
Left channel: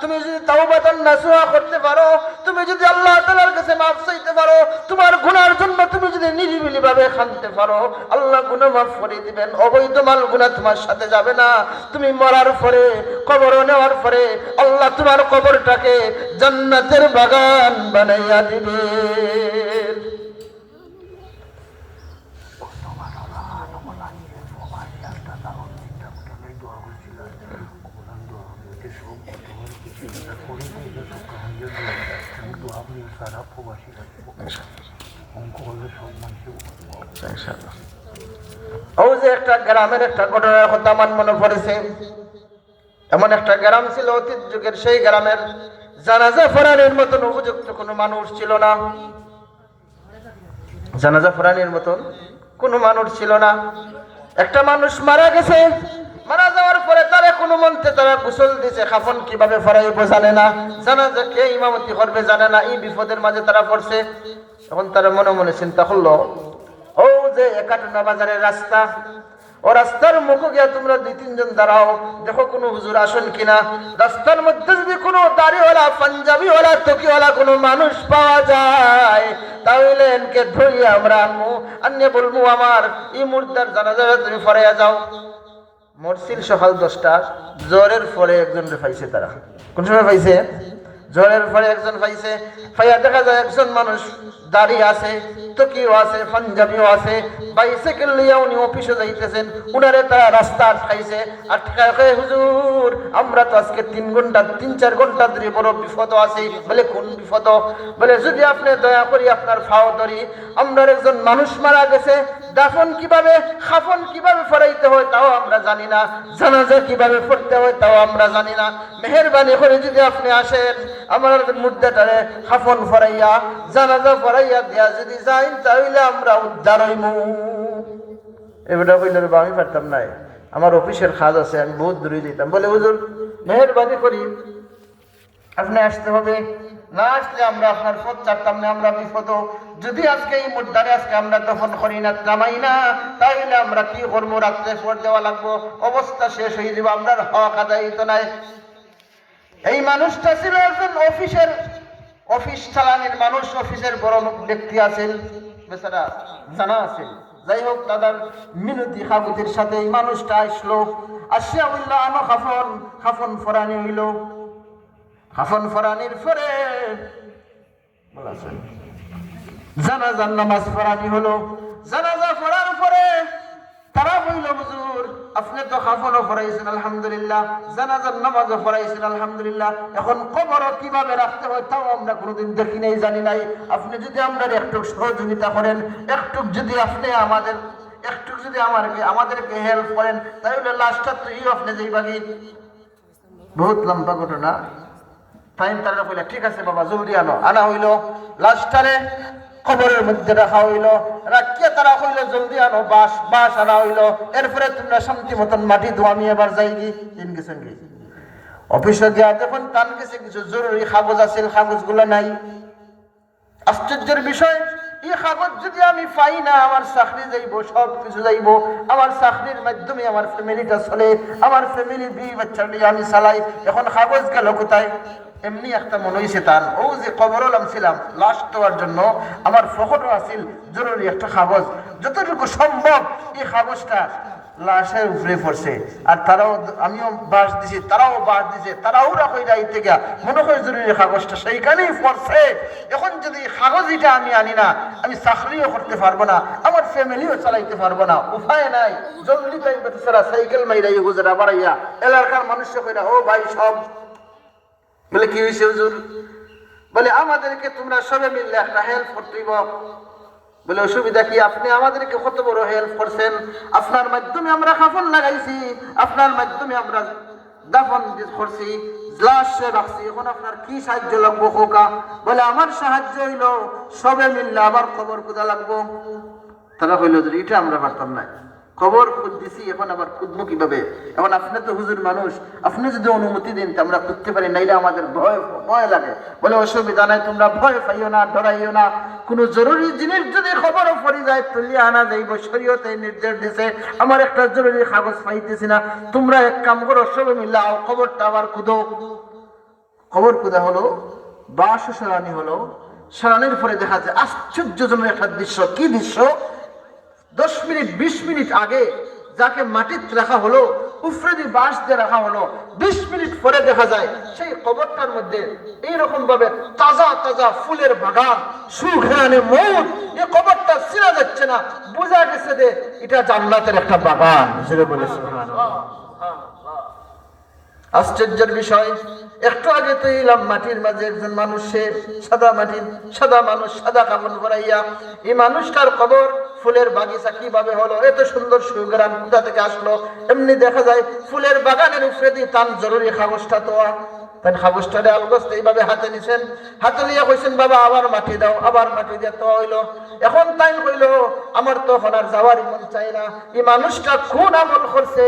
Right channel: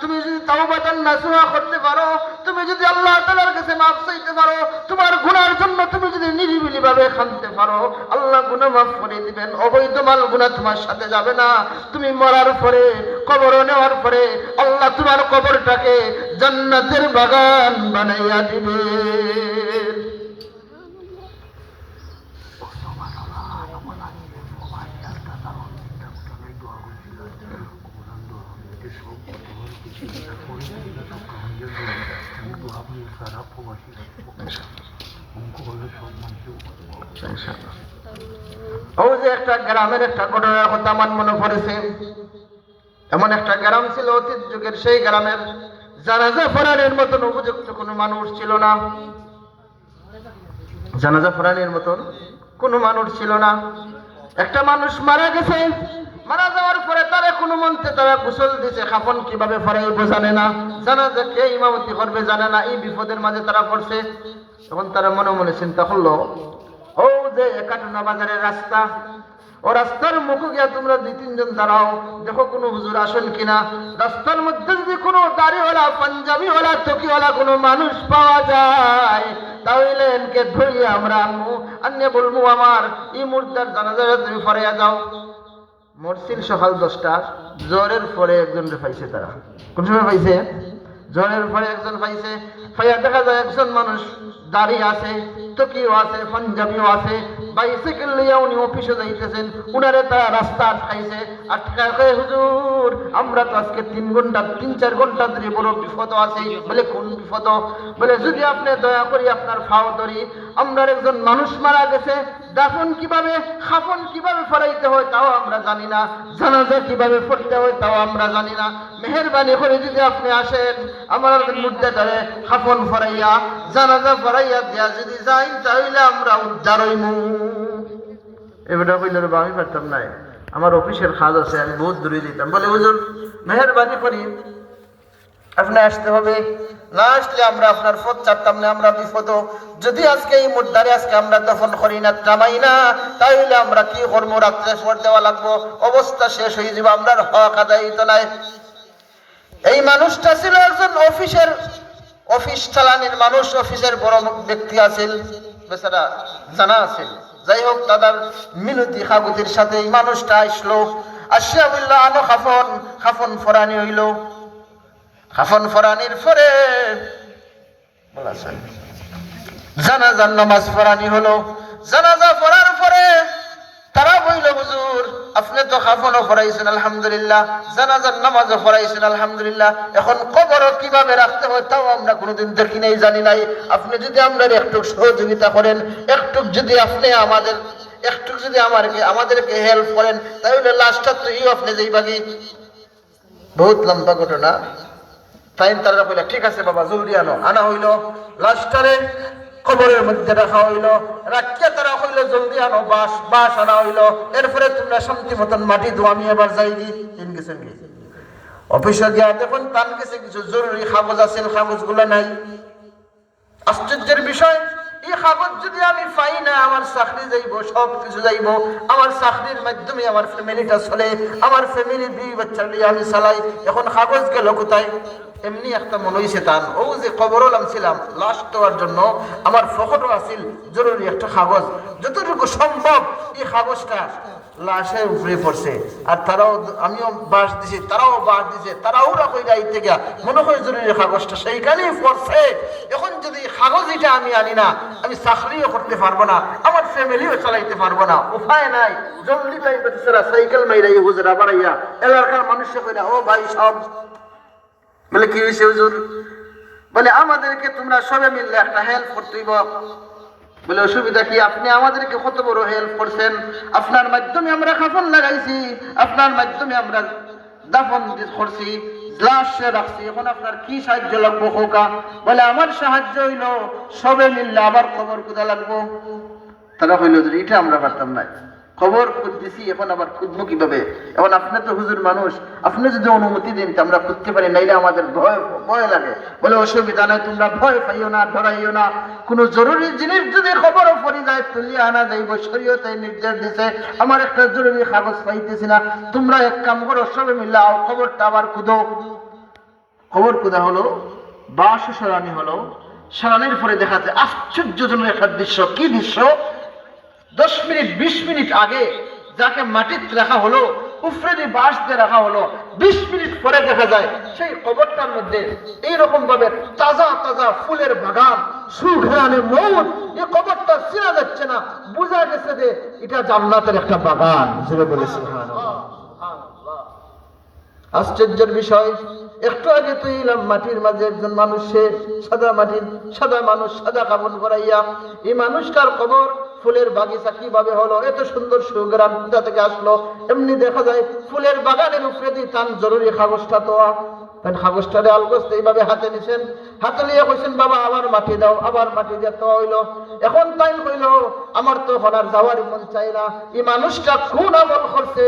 তুমি যদি তাওবাতান নাসুহা করতে পারো, তুমি যদি আল্লাহ তাআলার কাছে মাফ চাইতে পারো, তোমার গুনার জন্য তুমি যদি নিরিবিলি ভাবে কাঁদতে পারো, আল্লাহ গুনাহ মাফ করে দিবেন। অবৈধ মাল গুনাহ তোমার সাথে যাবে না। তুমি মরার পরে, কবর নেওয়ার পরে আল্লাহ তোমার কবরটাকে জান্নাতের বাগান বানাইয়া দিবে। ও যে একটা গ্রামের একটা ঘটনার কথা আমার মনে পড়েছে। এমন একটা গ্রাম ছিল অতীত যুগের, সেই গ্রামের জানাজা পড়ানোর মতন উপযুক্ত কোনো মানুষ ছিল না। জানাজা পড়ানোর মতন কোনো মানুষ ছিল না। একটা মানুষ মারা গেছে, মারা যাওয়ার পরে তারা কোনো মন্ত্রে তারা গোসল দিছে, কাফন কিভাবে পড়াইব জানে না, জানাজা কে ইমামতি করবে জানে না। এই বিপদের মাঝে তারা পড়ছে। তখন তারা মনে মনে চিন্তা করলো, ও যে একাটনা বাজারের রাস্তা, ও রাস্তার মুখে গিয়া তোমরা 2-3 জন দাঁড়াও, দেখো কোনো হুজুর আসেন কিনা। রাস্তার মধ্যে যদি কোনো দাড়িওয়ালা, পাঞ্জাবিওয়ালা, টকিওয়ালা কোনো মানুষ পাওয়া যায়, তাহলে এনকে ধরিয়ে আমরা আনবো, আনিয়ে বলবো আমার এই মুর্দার জানাজা তুমি ফরাইয়া যাও। মরসিল সকাল 10টা, জ্বরের পরে একজন পাইছে। তারা কোন সময় পাইছে? জ্বরের পরে একজন পাইছে। পাইয়া দেখা যায় একজন মানুষ দাঁড়িয়ে আছে, টকিও আছে, পাঞ্জাবিও আছে, বাইসাইকেল লইয়া উনি অফিসে যাইতেছেন। উনারে তারা রাস্তা আটকাইছে। আটকায়, হুজুর আমরা তো আজকে 3-4 ঘন্টা ধরে বড় বিপদ আছি। বলে কোন বিপদ? বলে যদি আপনি দয়া করি আপনার ফাও ধরি, আমরা একজন মানুষ মারা গেছে, দাফন কিভাবে, খাফন কিভাবে ফরাইতে হয় তাও আমরা জানি না, জানাজা কিভাবে পড়তে হয় তাও আমরা জানি না। মেহেরবানি করে যদি আপনি আসেন, আমার মুর্দাটারে খাফন ফরাইয়া, জানাজা ফরাইয়া দিয়া যদি যাই, তাহলে আমরা উদ্ধার হইমু। এবারে কইল, আমি পারতাম না, আমার অফিসের কাজ আছে, আমি বহুত দূরে দিতাম। বলে হুজুর মেহেরবানি করি আপনি আসতে হবে, না আসলে আমরা আপনার পথ চাপতাম না, আমরা বিপদ। যদি আজকে এই মুদ্দারে আজকে আমরা দফন করি না, টামাই না, তাহলে আমরা কি করবো? রাত্রে ফোর দেওয়া লাগবো, অবস্থা শেষ হয়ে যাবে, আমরা হক আদায় হইতো নাই। এই মানুষটা ছিল একজন অফিস চালানির মানুষ, অফিসের বড় ব্যক্তি আছেন, বেচারা জানা আছে। যাই হোক, দাদার মিনতি কাকুতির সাথে এই মানুষটা আসলো। আসিয়া বললো, আনো খাফন। খাফন ফরানি হইল। খাফন ফরানির পরে বলেছেন জানাজার নামাজ পড়ানি হলো। জানাজা পড়ার পরে তারা বলল, হুজুর আপনি তো খাফনও পড়াইছেন আলহামদুলিল্লাহ, জানাজার নামাজও পড়াইছেন আলহামদুলিল্লাহ, এখন কবরও কিভাবে রাখতে হয় তাও আমরা কোনোদিন দেখি নাই, জানি নাই। আপনি যদি আমরা একটু সহযোগিতা করেন, একটু যদি আপনি আমাদেরকে হেল্প করেন, তাহলে লাস্টটা তো আপনি যাইবাগি। বহুত লম্বা ঘটনা। টাইম তারা কইলা, ঠিক আছে বাবা জলদি আনো। আনা হইল, লাস্টারে কবরের মধ্যে রাখা হইল। রাখিয়া তারা হইল, জলদি আনো বাস আনা হইল। এরপরে তোমরা শান্তি মতন মাটি দো, আমি এবার যাই দি। গেছেন অফিসে দেওয়া যখন তার কাছে কিছু জরুরি কাগজ আছে, কাগজগুলো নাই। আশ্চর্যের বিষয়, এই কাগজ যদি আমি পাই না, আমার চাকরি যাইব, সব কিছু যাইব। আমার চাকরির মাধ্যমে আমার ফ্যামিলিটা চলে, আমার ফ্যামিলির 2 বাচ্চা নিয়ে আমি চালাই। এখন কাগজ গেল কোথায়? এমনি একটা মনে হয়েছে তার, ও যে কবর ছিলাম লাশ দেওয়ার জন্য, আমার ফখরও আছিল জরুরি একটা কাগজ। যতটুকু সম্ভব এই কাগজটা লাশের উপরে পড়ছে। আর তারাও, আমিও বাস দিছি, তারাও বাস দিছে, তারাও রাখই যাইতে গিয়া মনে হয় জরুরি কাগজটা সেইখানেই পড়ছে। এখন যদি কাগজ এটা আমি আনি না, আমি চাকরিও করতে পারবো না, আমার ফ্যামিলিও চালাইতে পারবো না, উপায় নাই। জলদি তাই বেচারা সাইকেল মাইরাই হুজুরা বাড়াইয়া এলাকার মানুষকে কইরা, ও ভাই সব। বলে কি হয়েছে হুজুর? বলে আমাদেরকে তোমরা সবে মিললে একটা হেল্প করতে হইব। বলে অসুবিধা কি? আপনি আমাদেরকে কত বড় হেল্প করছেন, আপনার মাধ্যমে আমরা কাফন লাগাইছি, আপনার মাধ্যমে আমরা দাফন করছি, লাশে রাখছি, এখন আপনার কি সাহায্য লাগবো খোকা? বলে আমার সাহায্য হইল সবে মিললে আবার কবর কোথা লাগবো। তারা হইল, এটা আমরা পারতাম না, খবর খুঁজতেছি, এখন আবার খুঁজবো কিভাবে? এখন আপনি তো হুজুর মানুষ, আপনি যদি অনুমতি দিন আমরা খুঁজতে পারি, নাইলে আমাদের ভয় লাগে। বলে অসুবিধা নাই, তোমরা ভয় পাইও না, ডরাইও না। কোনো জরুরি জিনিস যদি খবরও পড়ে যায়, তুলিয়ে আনা যাইব, শরীয়তে নির্দেশ দিছে। আমার একটা জরুরি কাগজ পাইতেছি না, তোমরা এক কাম করো, সবে মিল্লাও খবরটা আবার খুঁজো। খবর কোথা হলো, বাস সরানি হলো। সরানির পরে দেখা যায় আশ্চর্যজনক একটা দৃশ্য। কি দৃশ্য? 10 মিনিট 20 মিনিট আগে যাকে মাটিতে রাখা হলো, উফরেদি বাঁশ দিয়ে রাখা হলো, 20 মিনিট পরে দেখা যায় সেই কবরটার মধ্যে এইরকম ভাবে তাজা তাজা ফুলের বাগান, সুঘ্রাণে মৌত। এই কবরটা চেনা যাচ্ছে না, বোঝা গেছে যে এটা জান্নাতের একটা বাগান। যেটা বলে সুবহানাল্লাহ। আশ্চর্যের বিষয়, একটু আগে তো এলাম মাটির মাঝে একজন মানুষ, সে সাদা মানুষ, সাদা কাপড় পরাইয়া। এই মানুষটার কবর ফুলের বাগিচা কিভাবে হলো, এত সুন্দর সুগ্রাণ কোথা থেকে আসলো? এমনি দেখা যায় ফুলের বাগানের উপরে দিয়ে তার জরুরি কাগজটা তো তাই হাবুসটারে আলগোস্ত এইভাবে হাতে নিছেন, হাতে নিয়ে কইছেন বাবা আবার মাটি দাও, আবার মাটি দিয়ে তো হইলো। এখন তাই কইল আমার তো হনার যাওয়ার মন চাই না। এই মানুষটা কোন আমল করছে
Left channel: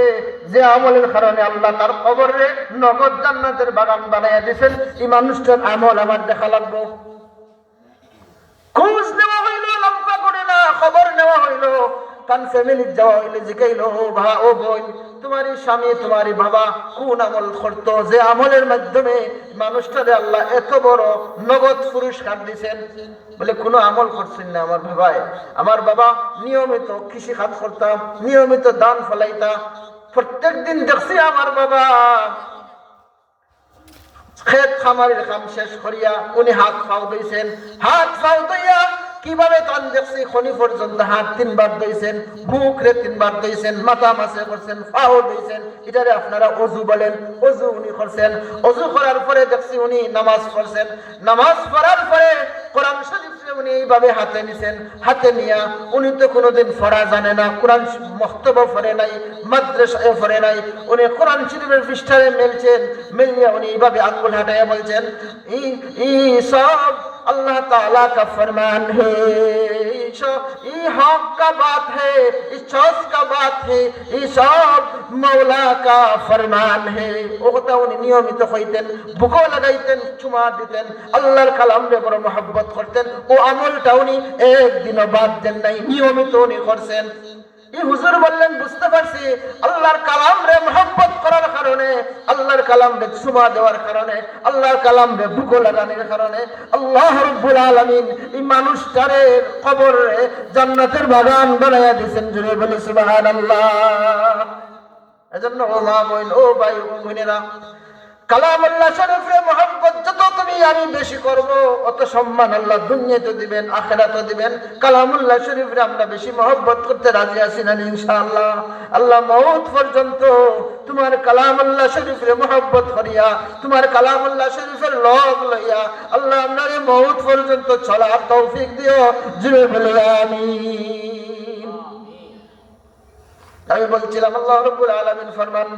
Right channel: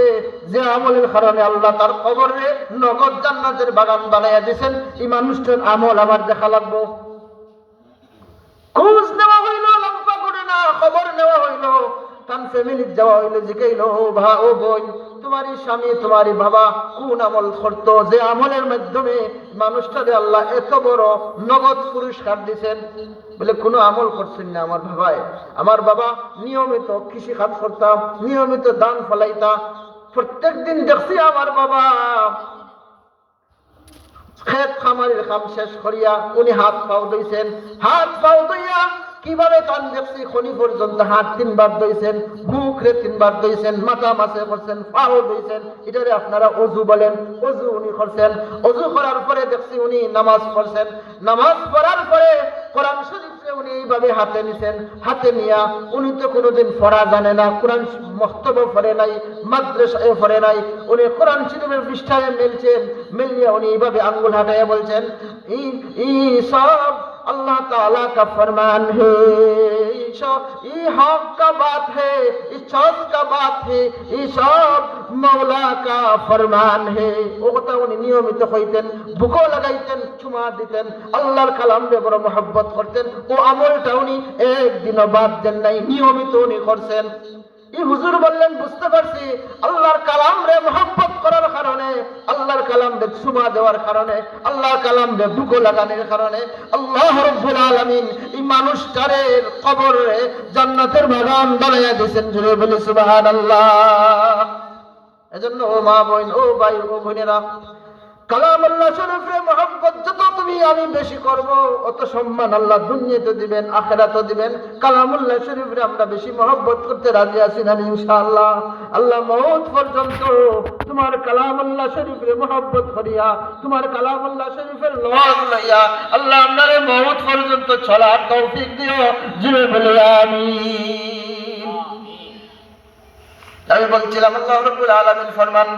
যে আমলের কারণে আল্লাহ তার কবরে নগদ জান্নাতের বাগান বানাইয়া দিয়েছেন? এই মানুষটার আমল আমার দেখা লাগবো। খোঁজ নেওয়া হইল, লম্বা করে না খবর নেওয়া হইল, তার ফ্যামিলি যাওয়া হইলো, জিজ্ঞাইলো ও বোন তোমারই স্বামী তোমারই বাবা কোন আমল করতো যে আমলের মাধ্যমে মানুষটারে আল্লাহ এত বড় নগদ পুরস্কার দিছেন? বলে কোনো আমল করছেন না আমার বাবায়। আমার বাবা নিয়মিত কৃষি কাজ করতাম, নিয়মিত দান ফলাইতা। প্রত্যেক দিন দেখছি আমার বাবা খেত খামারের কাম শেষ করিয়া উনি হাত পাও দইছেন, হাত পাও দইয়া কিভাবে টান দেখছি খনি পর্যন্ত হাত 3 বার দইছেন, মুখ রে 3 বার দইছেন, মাথা মাসে করছেন, পাও দইছেন। এটারে আপনারা অজু বলেন, অজু উনি করছেন। অজু করার পরে দেখছি উনি নামাজ পড়ছেন, নামাজ পড়ার পরে কোরআন শরীফ উনি এইভাবে হাতে নিছেন। হাতে নিয়া উনি তো কোনোদিন পড়া জানে না, কোরআন মক্তব্য পড়ে নাই, মাদ্রাসায় পড়ে নাই। উনি কোরআন শরীফের পৃষ্ঠারে মেলছেন, মেলিয়া উনি এইভাবে আঙ্গুল হাঁটাইয়া বলছেন ই সব अल्लाह ताला का फरमान है, ये हक का बात है, इस चौस का बात है, ये सब मौला का फरमान है। ওটা উনি নিয়মিত হইতেন, বুকও লাগাইতেন, চুমা দিতেন, আল্লাহর কালামে বড় মহব্বত করতেন। ও আমলটা উনি একদিনও বাদ দেন নাই, নিয়মিত উনি করছেন। এই হুজুর বললেন বুঝতে পারছি আল্লাহর কালাম রে মহব্বত করার কারণে, আল্লাহর কালাম রে চুমা দেওয়ার কারণে, আল্লাহর কালাম রে বুকো লাগানোর কারণে আল্লাহ রাব্বুল আলামিন এই মানুষটারে কবরে জান্নাতের বাগান বানাইয়া দিয়েছেন। জোরে বলি সুবহানাল্লাহ। এজন্য ও মা বোন, ও ভাই, ও বোনেরা, কালামুল্লাহ শরীফে মহব্বত যত তুমি আমি বেশি করব অত সম্মান আল্লাহ দুনিয়াতে দিবেন, আখিরাতেও দিবেন। কালামুল্লাহ শরীফে আমরা বেশি মহব্বত করতে রাজি আছি না ইনশাআল্লাহ? আল্লাহ মওত পর্যন্ত তোমার কালামুল্লাহ শরীফে মহব্বত করিয়া, তোমার কালামুল্লাহ শরীফের লগ লইয়া আল্লাহ আপনারে মওত পর্যন্ত চলার তৌফিক দিও। জুড়ে বলে আমিন। আমি বলছিলাম আল্লাহ রাব্বুল আলামিন ফরমান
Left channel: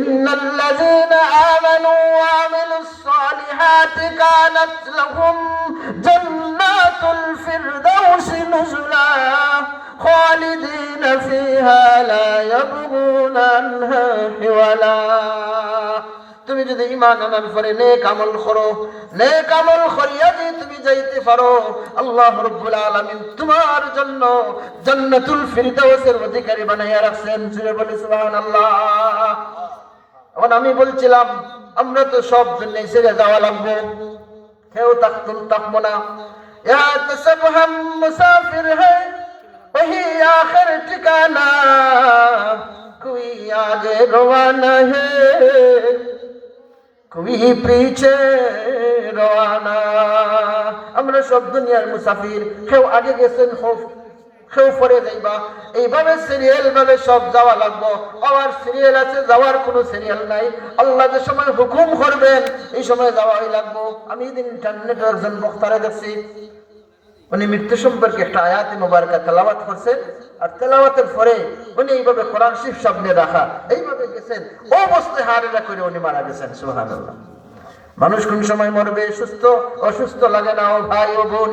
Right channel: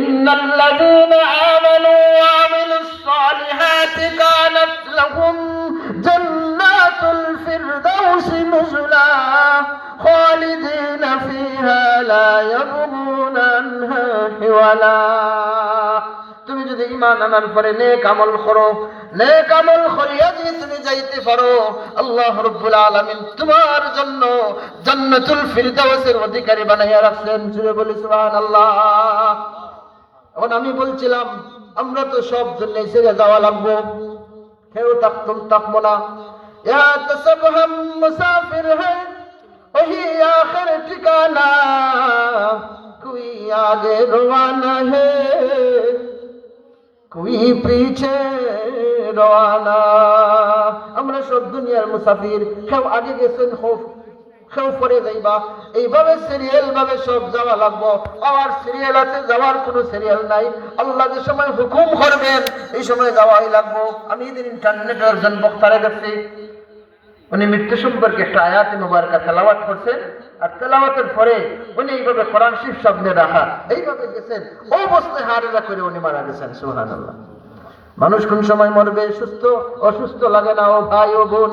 ইন্নাল্লাযীনা আমানু ওয়া আমিলুস সালিহাতি কানাত লাহুম জান্নাতুল ফিরদাউসি নুজুলা খালিদিনা ফিহা লা ইয়াবগুনা আনহা হিওয়ালা। তুমি যদি ঈমান আনার পরে নেক আমল করো, নেক আমল করিয়া যদি তুমি যাইতে পারো, আল্লাহ রাব্বুল আলামিন তোমার জন্য জান্নাতুল ফিরদাউসের অধিকারী বানাইয়া রাখছেন। জুড়ে বলি সুবহানাল্লাহ। এখন আমি বলছিলাম আমরা তো সব দুনিয়া ছেড়ে যাওয়া লাগবো, কেউ থাকবো না। ইয়া তসব হাম মুসাফির হ্যায় ওহি আখির ঠিকানা, কোই আগে রওয়ানা হ্যায় কোই পিছে রওয়ানা। আমরা সব দুনিয়ার মুসাফির, কেউ আগে গেছেন, কেউ পরে যাইবা। এইভাবে সিরিয়াল ভাবে সব যাওয়া লাগবো। আবার সিরিয়াল আছে, যাওয়ার কোনো সিরিয়াল নাই। আল্লাহ যে সময় হুকুম করবেন এই সময় যাওয়াই লাগবো। আমি এদিন ইন্টারনেটে একজন বক্তারে দেখছি, উনি মৃত্যু সম্পর্কে একটা আয়াতে মুবারকা তেলাওয়াত করছেন, আর তেলাওয়াতের পরে উনি এইভাবে কোরআন শরীফ সামনে রাখা এইভাবে গেছেন, অবস্থায় হারেরা করে উনি মারা গেছেন। সুবহানাল্লাহ। মানুষ কোন সময় মরবে, সুস্থ অসুস্থ লাগে না ও ভাই ও বোন।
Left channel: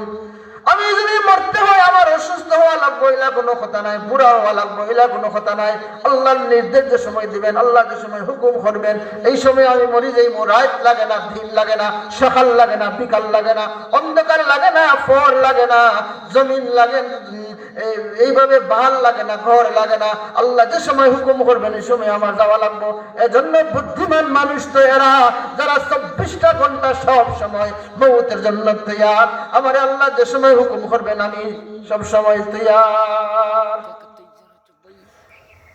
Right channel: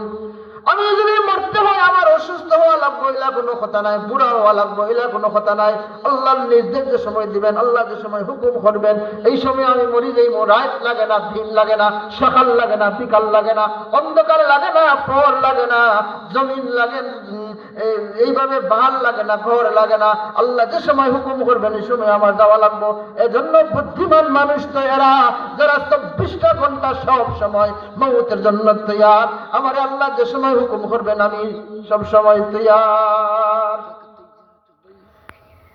আমি যদি মরতে হয় আমার অসুস্থ হওয়া লাগবো এলা কোনো কথা নাই, বুড়া হওয়া লাগবো এলা কোনো কথা নাই। আল্লাহর নির্দেশ যে সময় দিবেন, আল্লাহ যে সময় হুকুম করবেন এই সময় আমি মরি যাইব। রাত লাগে না, দিন লাগে না, সকাল লাগে না, বিকাল লাগে না, অন্ধকার লাগে না, ফর লাগে না, জমিন লাগে, এইভাবে বাহাল লাগে না, ঘর লাগে না। আল্লাহ যে সময় হুকুম করবেন এই সময় আমার যাওয়া লাগবো। এজন্য বুদ্ধিমান মানুষ তো এরা যারা 24টা ঘন্টা সব সময় মৌতের জন্য তৈয়ার। আমার আল্লাহ যে সময় হুকুম করবেন আমি সব সময় তৈয়ার।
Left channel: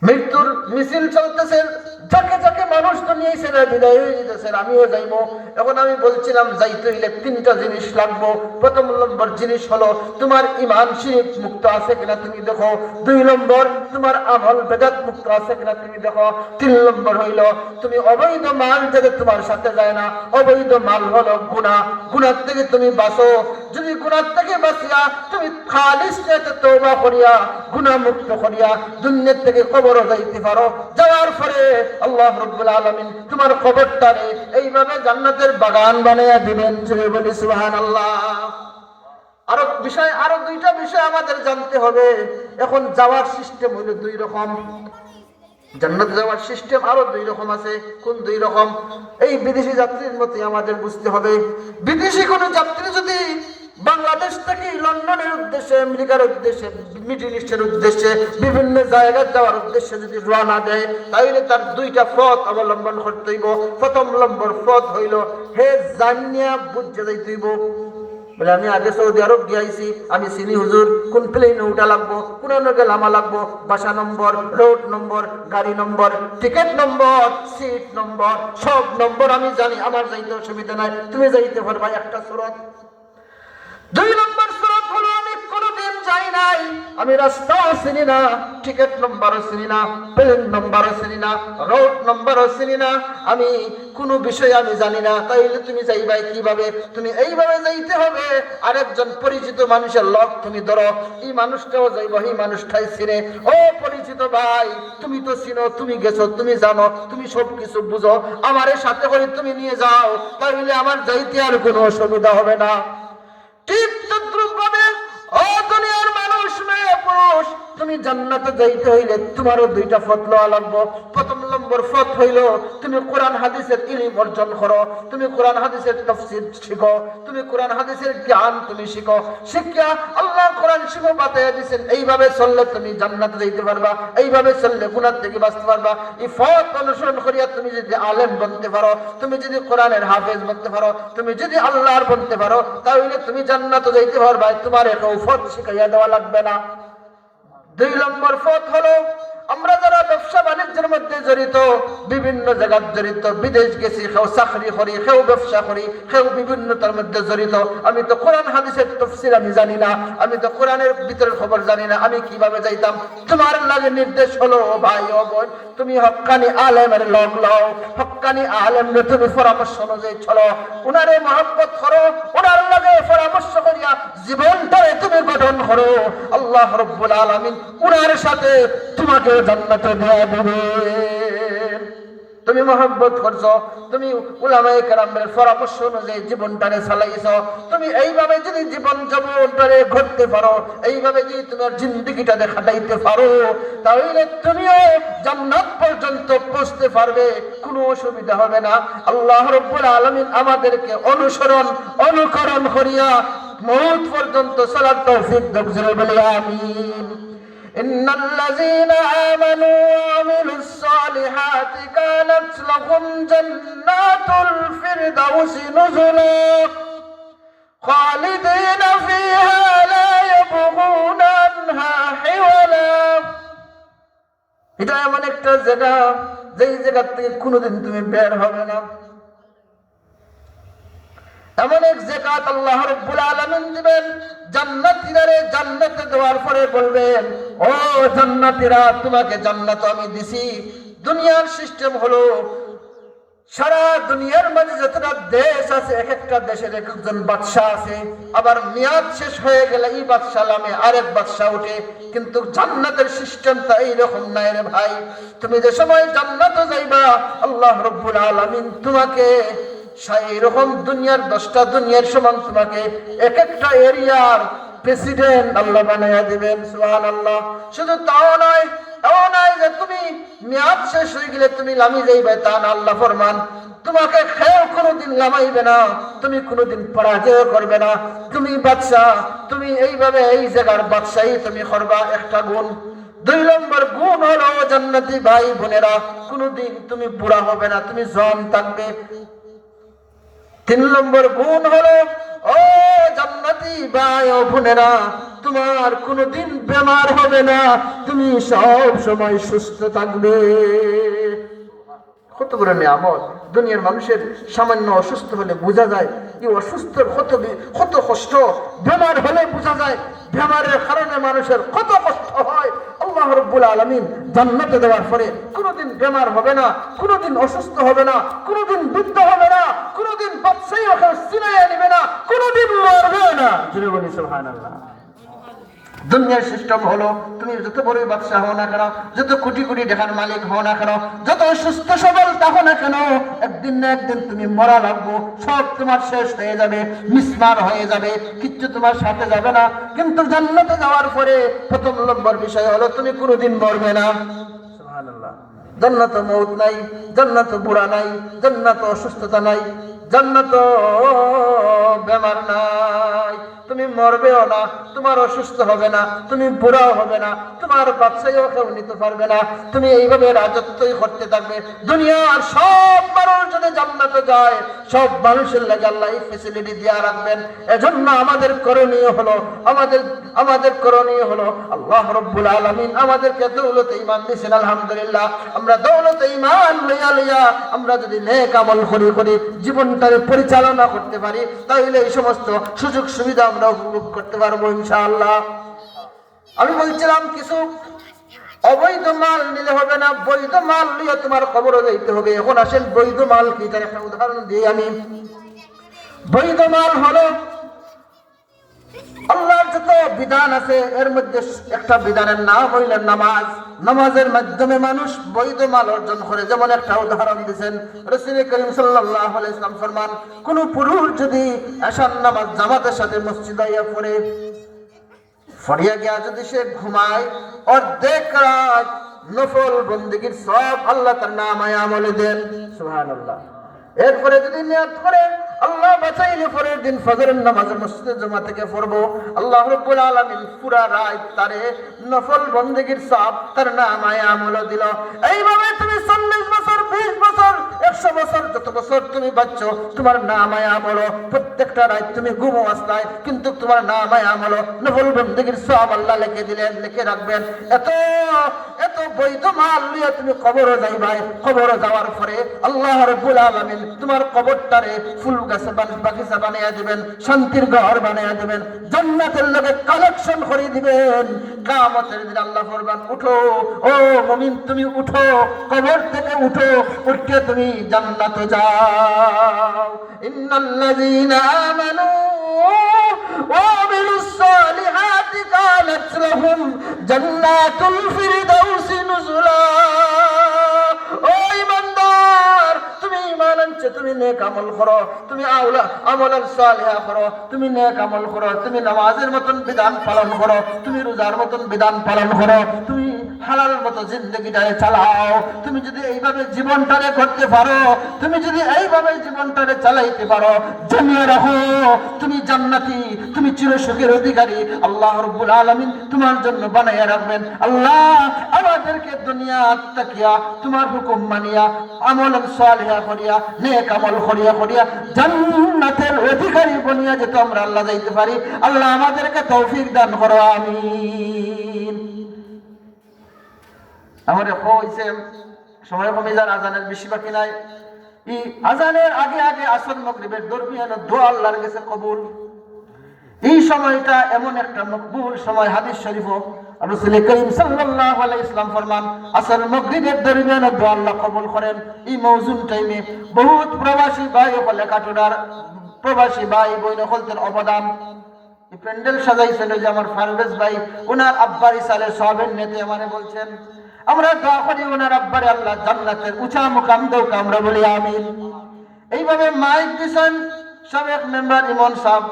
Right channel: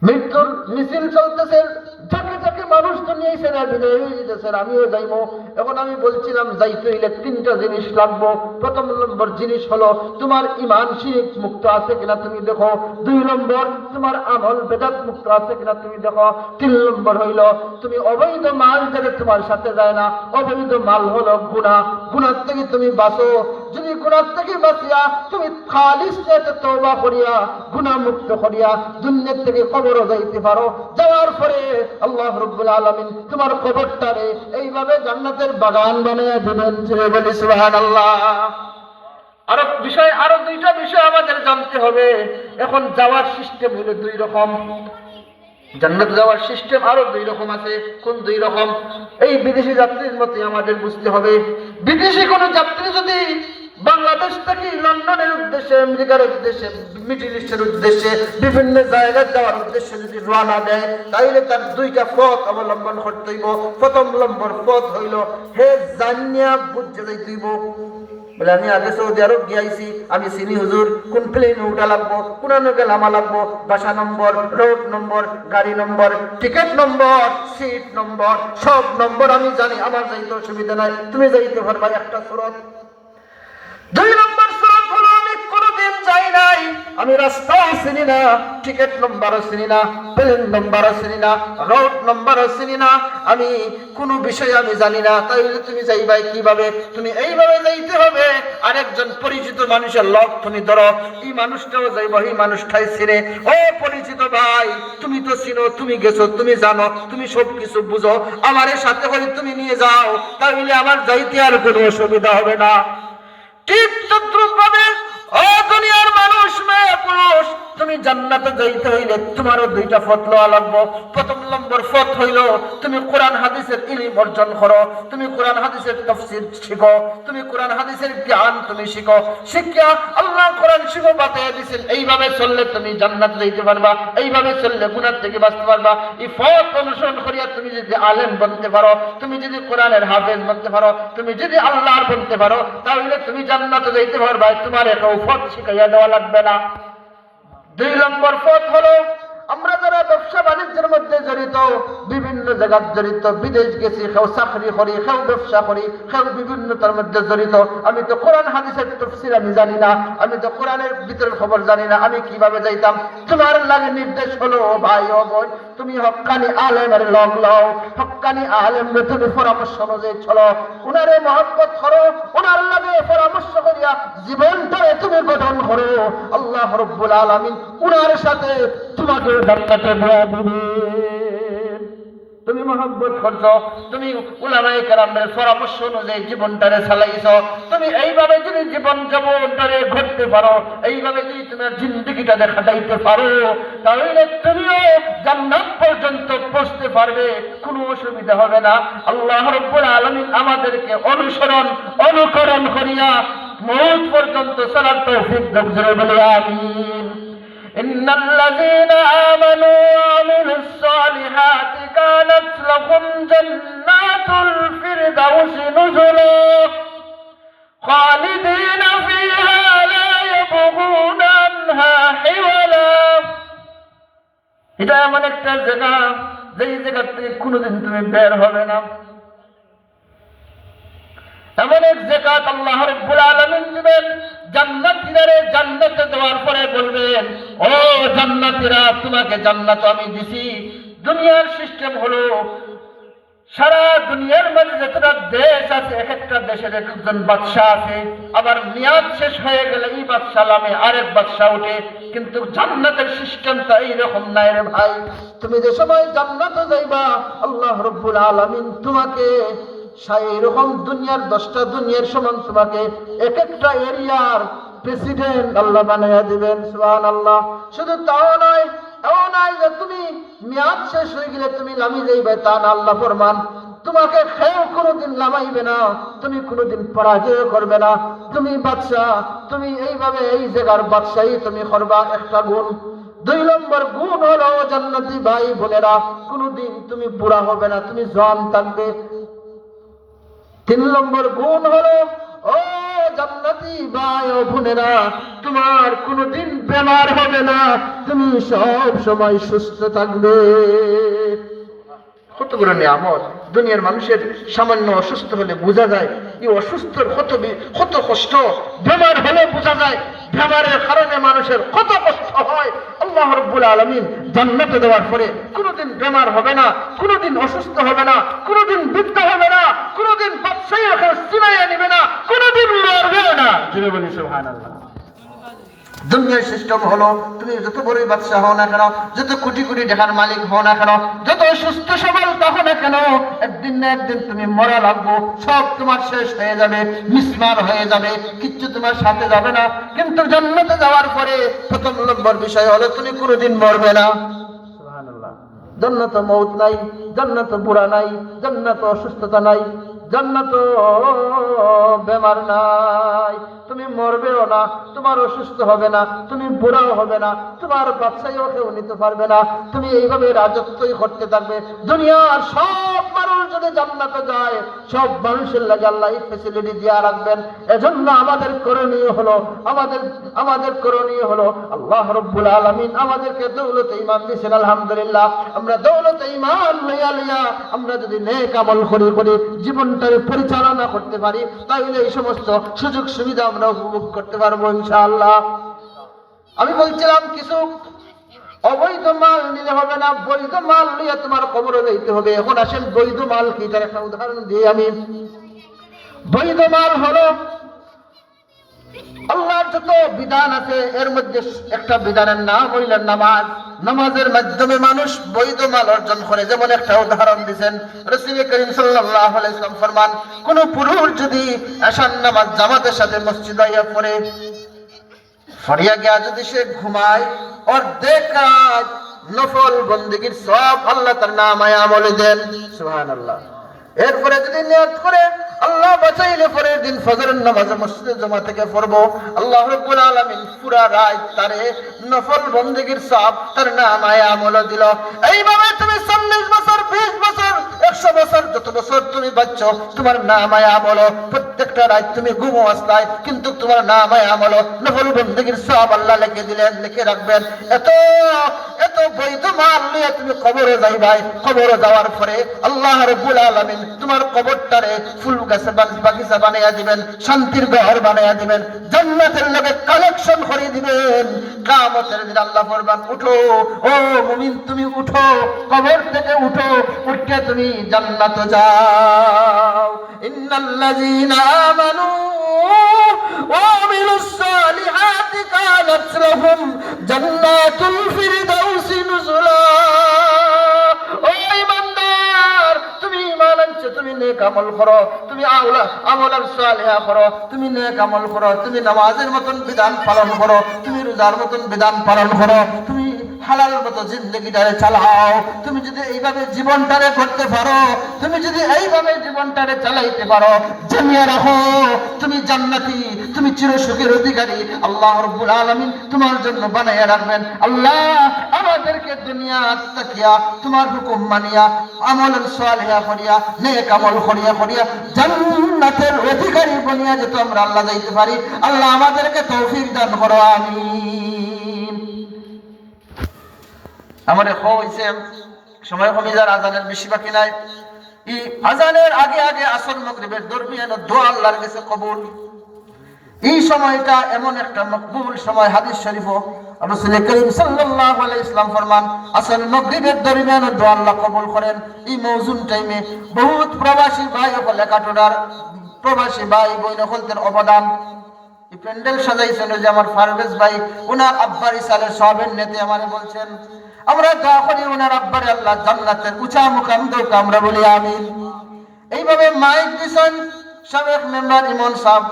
মৃত্যুর মিছিল চলতেছে, যাকে যাকে মানুষ তো নিয়েছেন বিদায় হয়ে যেতেছেন, আমিও যাইবো। এখন আমি বলছিলাম যাইতে হইলে 3টা জিনিস লাগবো। প্রথম নম্বর জিনিস হলো তোমার ঈমান শিরক মুক্ত আছে কিনা তুমি দেখো। 2 নম্বর তোমার আমল বেদাত মুক্ত আছে কিনা তুমি দেখো। 3 নম্বর হইল তুমি অবৈধ মাল যাতে তোমার সাথে যায় না। অবৈধ মাল হলো গুনাহ, গুনাহ থেকে তুমি বাঁচো। যদি গুনাহ থেকে বাঁচিয়া তুমি খালিস নিয়তে তওবা করিয়া গুনাহ মুক্ত করিয়া দুনিয়া থেকে কবরে যাইতে পারো, যাওয়ার পরে আল্লাহ রাব্বুল আলামিন তোমার কবরটারে এইভাবে জান্নাতের বাগান বানাইয়া দিবেন। জোরে বলি সুবহানাল্লাহ। আরো দুইটা বিষয় আমাদের জানতে হবে। এখন যাওয়ার সিস্টেম হলো দুই রকম, জান্নাতে যাওয়ার সিস্টেম আরো দুই রকম আছে। কোন দুই রকম? এই বিদেশি যাত্রীর মতে আমাদের বুঝতে হবে। বিদেশি কোন যাত্রী যদি বাংলাদেশ থেকে লন্ডনের উদ্দেশ্যে, আমেরিকার উদ্দেশ্যে, মিডল ইস্টের উদ্দেশ্যে, বিভিন্ন জায়গায় যাওয়ার উদ্দেশ্যে যদি রওনা দেয়, তাহলে তার দুইটা পথ অবলম্বন করতে হইব। প্রথম নম্বর পথ হইল হে জানিয়া বুঝে যাইতে হইব। বলে আমি আগে সৌদি আরব গিয়েছি, আমি চিনি হুজুর, কোন প্লেনে উঠা লাগবো, কোন নামা লাগবো, বাসা নম্বর, রোড নম্বর, গাড়ি নম্বর, টিকিট নম্বর, সিট নম্বর, সব নম্বর আমি জানি, আমার যাইতে অসুবিধা নাই, তুমি যাইতে পারবা। একটা সুরত। দুই নম্বর সুরত হলো আমি কোনোদিন যাই নাই, আমি রাস্তাও চিনি না, টিকিট নম্বরও চিনি না, প্লেন নম্বরও চিনি না, রোড নম্বরও চিনি না, আমি কোনো বিষয় আমি জানি না। তাইলে তুমি যাইবাই কিভাবে? তুমি এইভাবে যাইতে হবে, আরেকজন পরিচিত মানুষের লগ তুমি ধরো, এই মানুষটাও যাইব, এই মানুষটাই চিনে। ও পরিচিত ভাই, তুমি তো চিনো, তুমি গেছো, তুমি জানো, তুমি সব কিছু বুঝো, আমার সাথে করে তুমি নিয়ে যাও, তাহলে আমার যাইতে আর কোনো অসুবিধা হবে না। ঠিক তদ্রূপভাবে ও দুনিয়ার মানুষ, মেয়ে পুরুষ, তুমি জান্নাতে যাইতে হইলে তোমারও দুইটা পথ লওয়া লাগবে। প্রথম নম্বর পথ হইল তুমি কোরআন হাদিসের ইলম অর্জন করো, তুমি কোরআন হাদিসের তাফসীর শিখো, তুমি কোরআন হাদিসের জ্ঞান তুমি শিখো। শিক্ষা আল্লাহ কোরআন শিখো বাতায় দিয়েছেন, এইভাবে চললে তুমি জান্নাতে যাইতে পারবা, এইভাবে চললে গুনাহ থেকে বাঁচতে পারবা। এই পথ অনুসরণ করিয়া তুমি যদি আলেম বনতে পারো, তুমি যদি কোরআনের হাফেজ বনতে পারো, তুমি যদি আল্লাহর বনতে পারো, তাহলে তুমি জান্নাতে যাইতে পারবা, তোমার একটা পথ শিখাইয়া দেওয়া লাগবে না। দুই নম্বর পথ হলো আমরা যারা ব্যবসা বাণিজ্যের মধ্যে জড়িত, বিভিন্ন জায়গায় জড়িত, বিদেশ গেছি, কেউ চাকরি করি, কেউ ব্যবসা করি, কেউ বিভিন্নতার মধ্যে জড়িত। আমি তো কোরআন হাদিসের তাফসীর আমি জানি না, আমি তো কোরআনের ভিতরের খবর জানি না, আমি কিভাবে যাইতাম? তোমার লাগে নির্দেশ হলো ভাই ও বোন, তুমি হক্কানি আলেমের লগ লও, হক্কানি আলেমরে তুমি পরামর্শ অনুযায়ী চলো, উনারে মহব্বত করো, উনার লাগে পরামর্শ করিয়া জীবনটারে তুমি গঠন করো। আল্লাহ রাব্বুল আলামিন উনার সাথে তোমাকে জান্নাতে দেয়া দিবেন। তুমি মহব্বত করছো, তুমি উলামায়ে কেরামের পরামর্শ অনুযায়ী জীবনটারে চালাইছো, তুমি এইভাবে যদি জীবনটারে ঘটতে পারো, এইভাবে যদি তোমার জিন্দেগিটারে কাটাইতে পারো, তাহলে তুমিও জান্নাত পর্যন্ত পৌঁছতে পারবে, কোনো অসুবিধা হবে না। আল্লাহ রাব্বুল আলামিন আমাদেরকে অনুকরণ করিয়া মওত পর্যন্ত চলার তৌফিক দান করে, বলি আমিন। إن الذين آمنوا وعملوا الصالحات كانت لهم جنات الفردوس نزلا خالدين فيها لا يبغون عنها حولا। এটা এমন একটা জায়গা, যেই জায়গা থেকে কোনোদিন তুমি বের হবে না। এমন এক জাকাত আল্লাহ রাব্বুল আলামিন দিবেন জান্নাতীরা, জান্নাতে দেওয়ার পরে বলবেন, ও জান্নাতীরা, তোমাকে জান্নাত আমি দিছি। দুনিয়ার সিস্টেম হলো সারা দুনিয়ার মাঝে যতটা দেশ আছে, এক একটা দেশের এক একজন বাদশাহ আছে, আবার মেয়াদ শেষ হয়ে গেলে এই বাদশাহ নামে আরেক বাদশাহ ওঠে। কিন্তু জান্নাতের সিস্টেমটা এইরকম নাই রে ভাই। তুমি যে সময় জান্নাতে যাইবা, আল্লাহ রাব্বুল আলামিন তোমাকে এইরকম দুনিয়ার 10টা দুনিয়ার সমান তোমাকে এক একটা এরিয়ার প্রেসিডেন্ট আল্লাহ বানাইয়া দিবেন। সুবহানাল্লাহ। শুধু তাও নয়, এমন নয় যে তুমি মেয়াদ শেষ হয়ে গেলে তুমি নামি যাইবে, তা না। আল্লাহ ফরমান, তোমাকে খেয়েও কোনোদিন নামাইবে না, তুমি কোনোদিন পরাজয় করবে না। তুমি বাদশাহ, তুমি এইভাবে এই জায়গার বাদশাহী তুমি করবা। একটা গুণ। দুই নম্বর গুণ হলো জান্নাতি ভাই বোনেরা, কোনোদিন তুমি বুড়া হবে না, তুমি জওয়ান থাকবে। তিন নম্বর গুণ হলো ও জান্নাতি ভাই ও বোনেরা, তোমার কোনোদিন বেমার হবে না, তুমি সব সময় সুস্থ থাকবে। কতগুলো নিয়ামত। দুনিয়ার মানুষের সামান্য অসুস্থ হলে বোঝা যায় এই অসুস্থর কত কষ্ট, বেমার হলে বোঝা যায় বেমারের কারণে মানুষের কত কষ্ট হয়। আল্লাহ রাব্বুল আলামিন জান্নাতে দেওয়ার পরে কোনোদিন বেমার হবে না, কোনোদিন অসুস্থ হবে না, কোনোদিন বৃদ্ধ হবে না, কোনোদিন বাদশাহী ওকে চিনাইয়া নেবে না, কোনোদিন মরবেও না। যিনি বলি সুবহানাল্লাহ। দুনিয়ার সিস্টেম হলো তুমি যত বড়ই বাদশা হও না কেন, যত কোটি কোটি টাকার মালিক হও না কেন, যত সুস্থ সবল থাকো না কেন, একদিন না একদিন তুমি মরা লাগবো। সব তোমার শেষ হয়ে যাবে, মিসমার হয়ে যাবে, কিচ্ছু তোমার সাথে যাবে না। কিন্তু জান্নাতে যাওয়ার পরে প্রথম নম্বর বিষয় হলো তুমি কোনোদিন মরবে না। সুবহানাল্লাহ। জান্নাত মউত নাই, জান্নাত বুড়া নাই, জান্নাত অসুস্থতা নাই, জান্নাত বেমার নাই। তুমি মরবেও না, তোমার অসুস্থ হবে না, তুমি বুড়াও হবে না, তোমার বাচ্চাইও কেউ নিতে পারবে না। তুমি এইভাবে রাজত্বই করতে থাকবে। দুনিয়ার সব মানুষ যদি জান্নাতে যায়, সব মানুষের লাগে আল্লাহ এই ফ্যাসিলিটি দিয়ে রাখবেন। এজন্য আমাদের করণীয় হলো আল্লাহ রাব্বুল আলামিন আমাদেরকে দৌলতে ঈমান দিয়েছেন। আলহামদুলিল্লাহ, আমরা দৌলতে ঈমান লইয়া আমরা যদি নেক আমল করি জীবনটাকে পরিচালনা করতে পারি, তাহলে এই সমস্ত সুযোগ সুবিধা আমরা উপভোগ করতে পারবো ইনশাআল্লাহ। আমি বলছিলাম কিছু অবৈধ মাল নিলে হবে না, বৈধ মাল নিয়ে তোমার কবরে যাইতে হবে। এখন আসেন বৈধ মাল কি, তার একটা উদাহরণ দিই আমি। বৈধ মাল হলো আল্লাহর যত বিধান আছে এর মধ্যে একটা বিধানের নাম হইল নামাজ। নামাজের মাধ্যমে মানুষ বৈধ মাল অর্জন করে। যেমন একটা উদাহরণ দিয়েছেন রাসূল করিম সাল্লাল্লাহু আলাইহি ওয়াসাল্লাম ফরমান, কোন পুরুষ যদি এশার নামাজ জামাতের সাথে মসজিদে পড়ে ফরিয়া গিয়া যদি সে ঘুমায়, অর্ধেক রাত নফল বন্দেগীর সওয়াব আল্লাহ তার নামায়ে আমলে দেন। সুবহানাল্লাহ। এরপরে যদি নিয়ত করে আল্লাহ বাঁচাইলে পরের দিন ফজরের নামাজ মসজিদে জমা থেকে পড়বো, আল্লাহ রাব্বুল আলামিন পুরা রাত তারে নফল বন্দেগীর সওয়াব তার নামায়ে আমল দিল। এইভাবে তুমি 40 বছর, 20 বছর, 100 বছর, যত বছর তুমি বাঁচছো, তোমার নামায়ে আমল প্রত্যেকটা রাত তুমি ঘুমো আসলায়, কিন্তু তোমার নামায়ে আমল নফল বন্দেগীর সওয়াব আল্লাহ লিখে রাখবেন। এত বৈধ মাল নিয়ে তুমি কবরে যাইবাই। কবরে যাওয়ার পরে আল্লাহ রাব্বুল আলামিন তোমার কবরটারে ফুল গাছে বাগিচা বানাইয়া দিবেন, শান্তির ঘর বানাইয়া দিবেন, জান্নাতের লগে কালেকশন করে দিবেন। কিয়ামতের দিন আল্লাহ ফরমান, উঠো ও মুমিন, তুমি উঠো, কবর থেকে উঠো, উঠে তুমি জান্নাতে যাও। ইন্নাল্লাযীনা আমানু ওয়া আমিলুস সালিহাতি কানাত লাহুম জান্নাতুল ফিরদাউসি নুজুলা। ও ঈমানদার, তুমি ঈমান আনছো, তুমি নেক আমল করো, তুমি আমলান সালিহা করো, তুমি নেক আমল করো, তুমি নামাজের মতন বিধান পালন করো, তুমি রোজার মতন বিধান পালন করো, তুমি হালাল মতো জিন্দেগিটারে চালাও। তুমি যদি এইভাবে জীবনটারে করতে পারো, তুমি যদি এইভাবে জীবনটারে চালাইতে পারো, জানিয়ে রাখো তুমি জান্নাতি, তুমি চিরসুখের অধিকারী। আল্লাহ রাব্বুল আলামিন তোমার জন্য বানাইয়া রাখবেন। আল্লাহ আমাদেরকে দুনিয়া তাকিয়া তোমার হুকুম মানিয়া আমলান সালিহা করিয়া নেক আমল করিয়া জান্নাতের অধিকারী বনিয়া যেতে আমরা আল্লাহ যাইতে পারি। আল্লাহ আমাদেরকে তৌফিক দান করো, আমিন। আমার হইছে সময় কমে যার, আজানের বেশি বাকি নাই। এই আজানের আগে আসর মাগরিবের দরমিয়ানে দোয়া আল্লাহর কাছে কবুল। এই সময়টা এমন একটা মকবুল সময়। হাদিস শরীফ রাসূল করিম সাল্লাল্লাহু আলাইহি ওয়াসাল্লাম ফরমান, আসর মাগরিবের দরমিয়ানে দোয়া আল্লাহ কবুল করেন। এই মৌজুম টাইমে বহুত প্রবাসী ভাই ও লেখাটোড়ার প্রবাসী ভাই বোন হলতের অবদান। এই প্যান্ডেল সাজাইছেন যে আমার ফারভেজ ভাই, ওনার আব্বার ইসালের সবের নেতে আমারে বলছেন, আমরা দোয়া করি ওনার আব্বারে আল্লাহ জান্নাতের উঁচা মুকাম দেউক, আমরা বলি আমিন। এইভাবে মাইক দিছেন সাবেক মেম্বার ইমন সাহেব,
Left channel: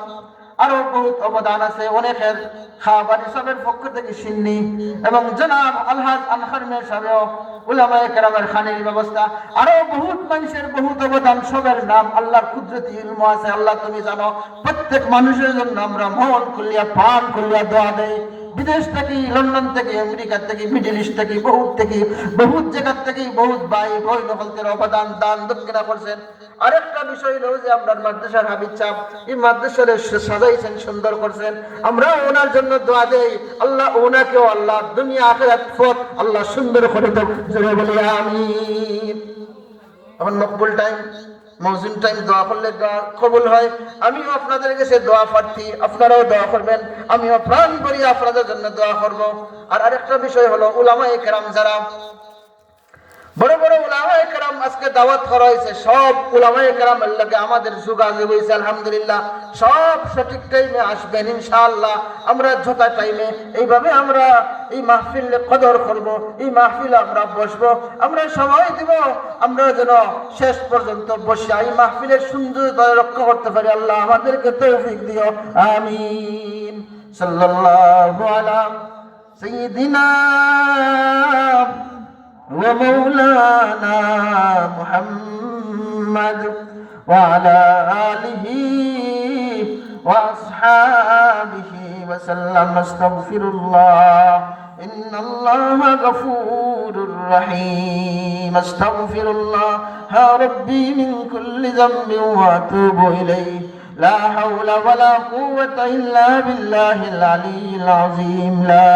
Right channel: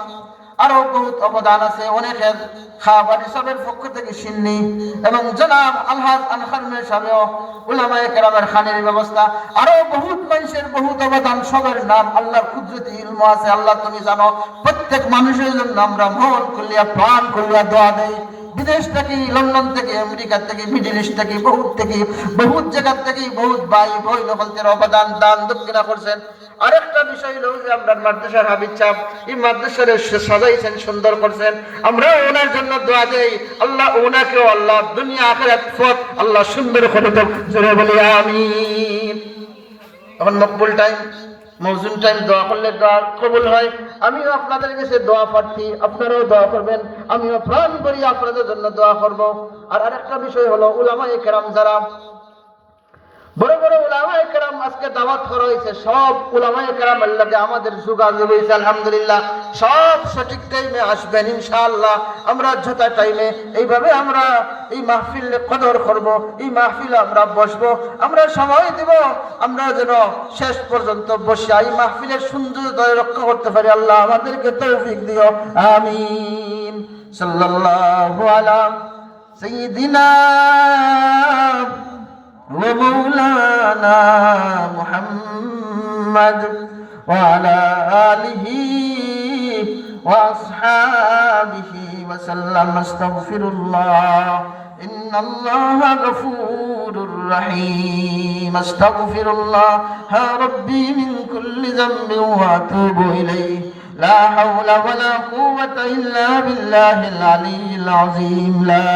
আরো বহুত অবদান আছে অনেকের। খাবারি সাহেবের পক্ষ থেকে সিন্নি এবং জনাব আলহাজ আনখার মেয়ে সাহেব, উলামায়ে কেরামের খানের ব্যবস্থা, আরো বহুত মানুষের বহুত অবদান। সবের নাম আল্লাহর কুদরতি ইলম আছে, আল্লাহ তুমি জানো। প্রত্যেক মানুষের জন্য আমরা মন খুলিয়া প্রাণ খুলিয়া দোয়া দেই। বিদেশ থেকে, লন্ডন থেকে, আমেরিকা থেকে, মিডল ইস্ট থেকে, বহুত জায়গা থেকে বহুত ভাই বই নকলদের অবদান দান দক্ষিণা করছেন। আরেকটা বিষয় হলো যে আমরা মাদ্রাসার হাবিব সাহেব এই মাদ্রাসার সাজাইছেন, সুন্দর করছেন। আমরা ওনার জন্য দোয়া দেই, আল্লাহ ওনাকেও আল্লাহ দুনিয়া আখিরাত পথ আল্লাহ সুন্দর করে দেন, জোরে বলি আমিন। এখন মকবুল টাইম, মৌজুন টাইম, দোয়া করলে দোয়া কবুল হয়। আমিও আপনাদের কাছে দোয়া প্রার্থী, আপনারাও দোয়া করবেন, আমিও প্রাণ করি আপনাদের জন্য দোয়া করব। আর আরেকটা বিষয় হলো উলামায়ে কেরাম যারা বড় বড় উলামায়ে কেরাম আজকে দাওয়াত করা হয়েছে, সব উলামায়ে কেরামের লগে আমাদের যোগাযোগ হয়েছে আলহামদুলিল্লাহ। সব সঠিক টাইমে আসবেন ইনশাআল্লাহ। আমরা যথা টাইমে এইভাবে আমরা এই মাহফিলে কদর করব, এই মাহফিলে আমরা বসবো, আমরা সময় দিব, আমরা যেন শেষ পর্যন্ত বসে এই মাহফিলের সৌন্দর্য রক্ষা করতে পারি। আল্লাহ আমাদেরকে তৌফিক দিও, আমিন। সাল্লাল্লাহু আলা সাইয়্যিদিনা ومولانا محمد وعلى آله وأصحابه وسلم. استغفر الله إن الله غفور رحيم. استغفر الله يا ربي من كل ذنب وأتوب إليه. لا حول ولا قوة إلا بالله العلي العظيم. لا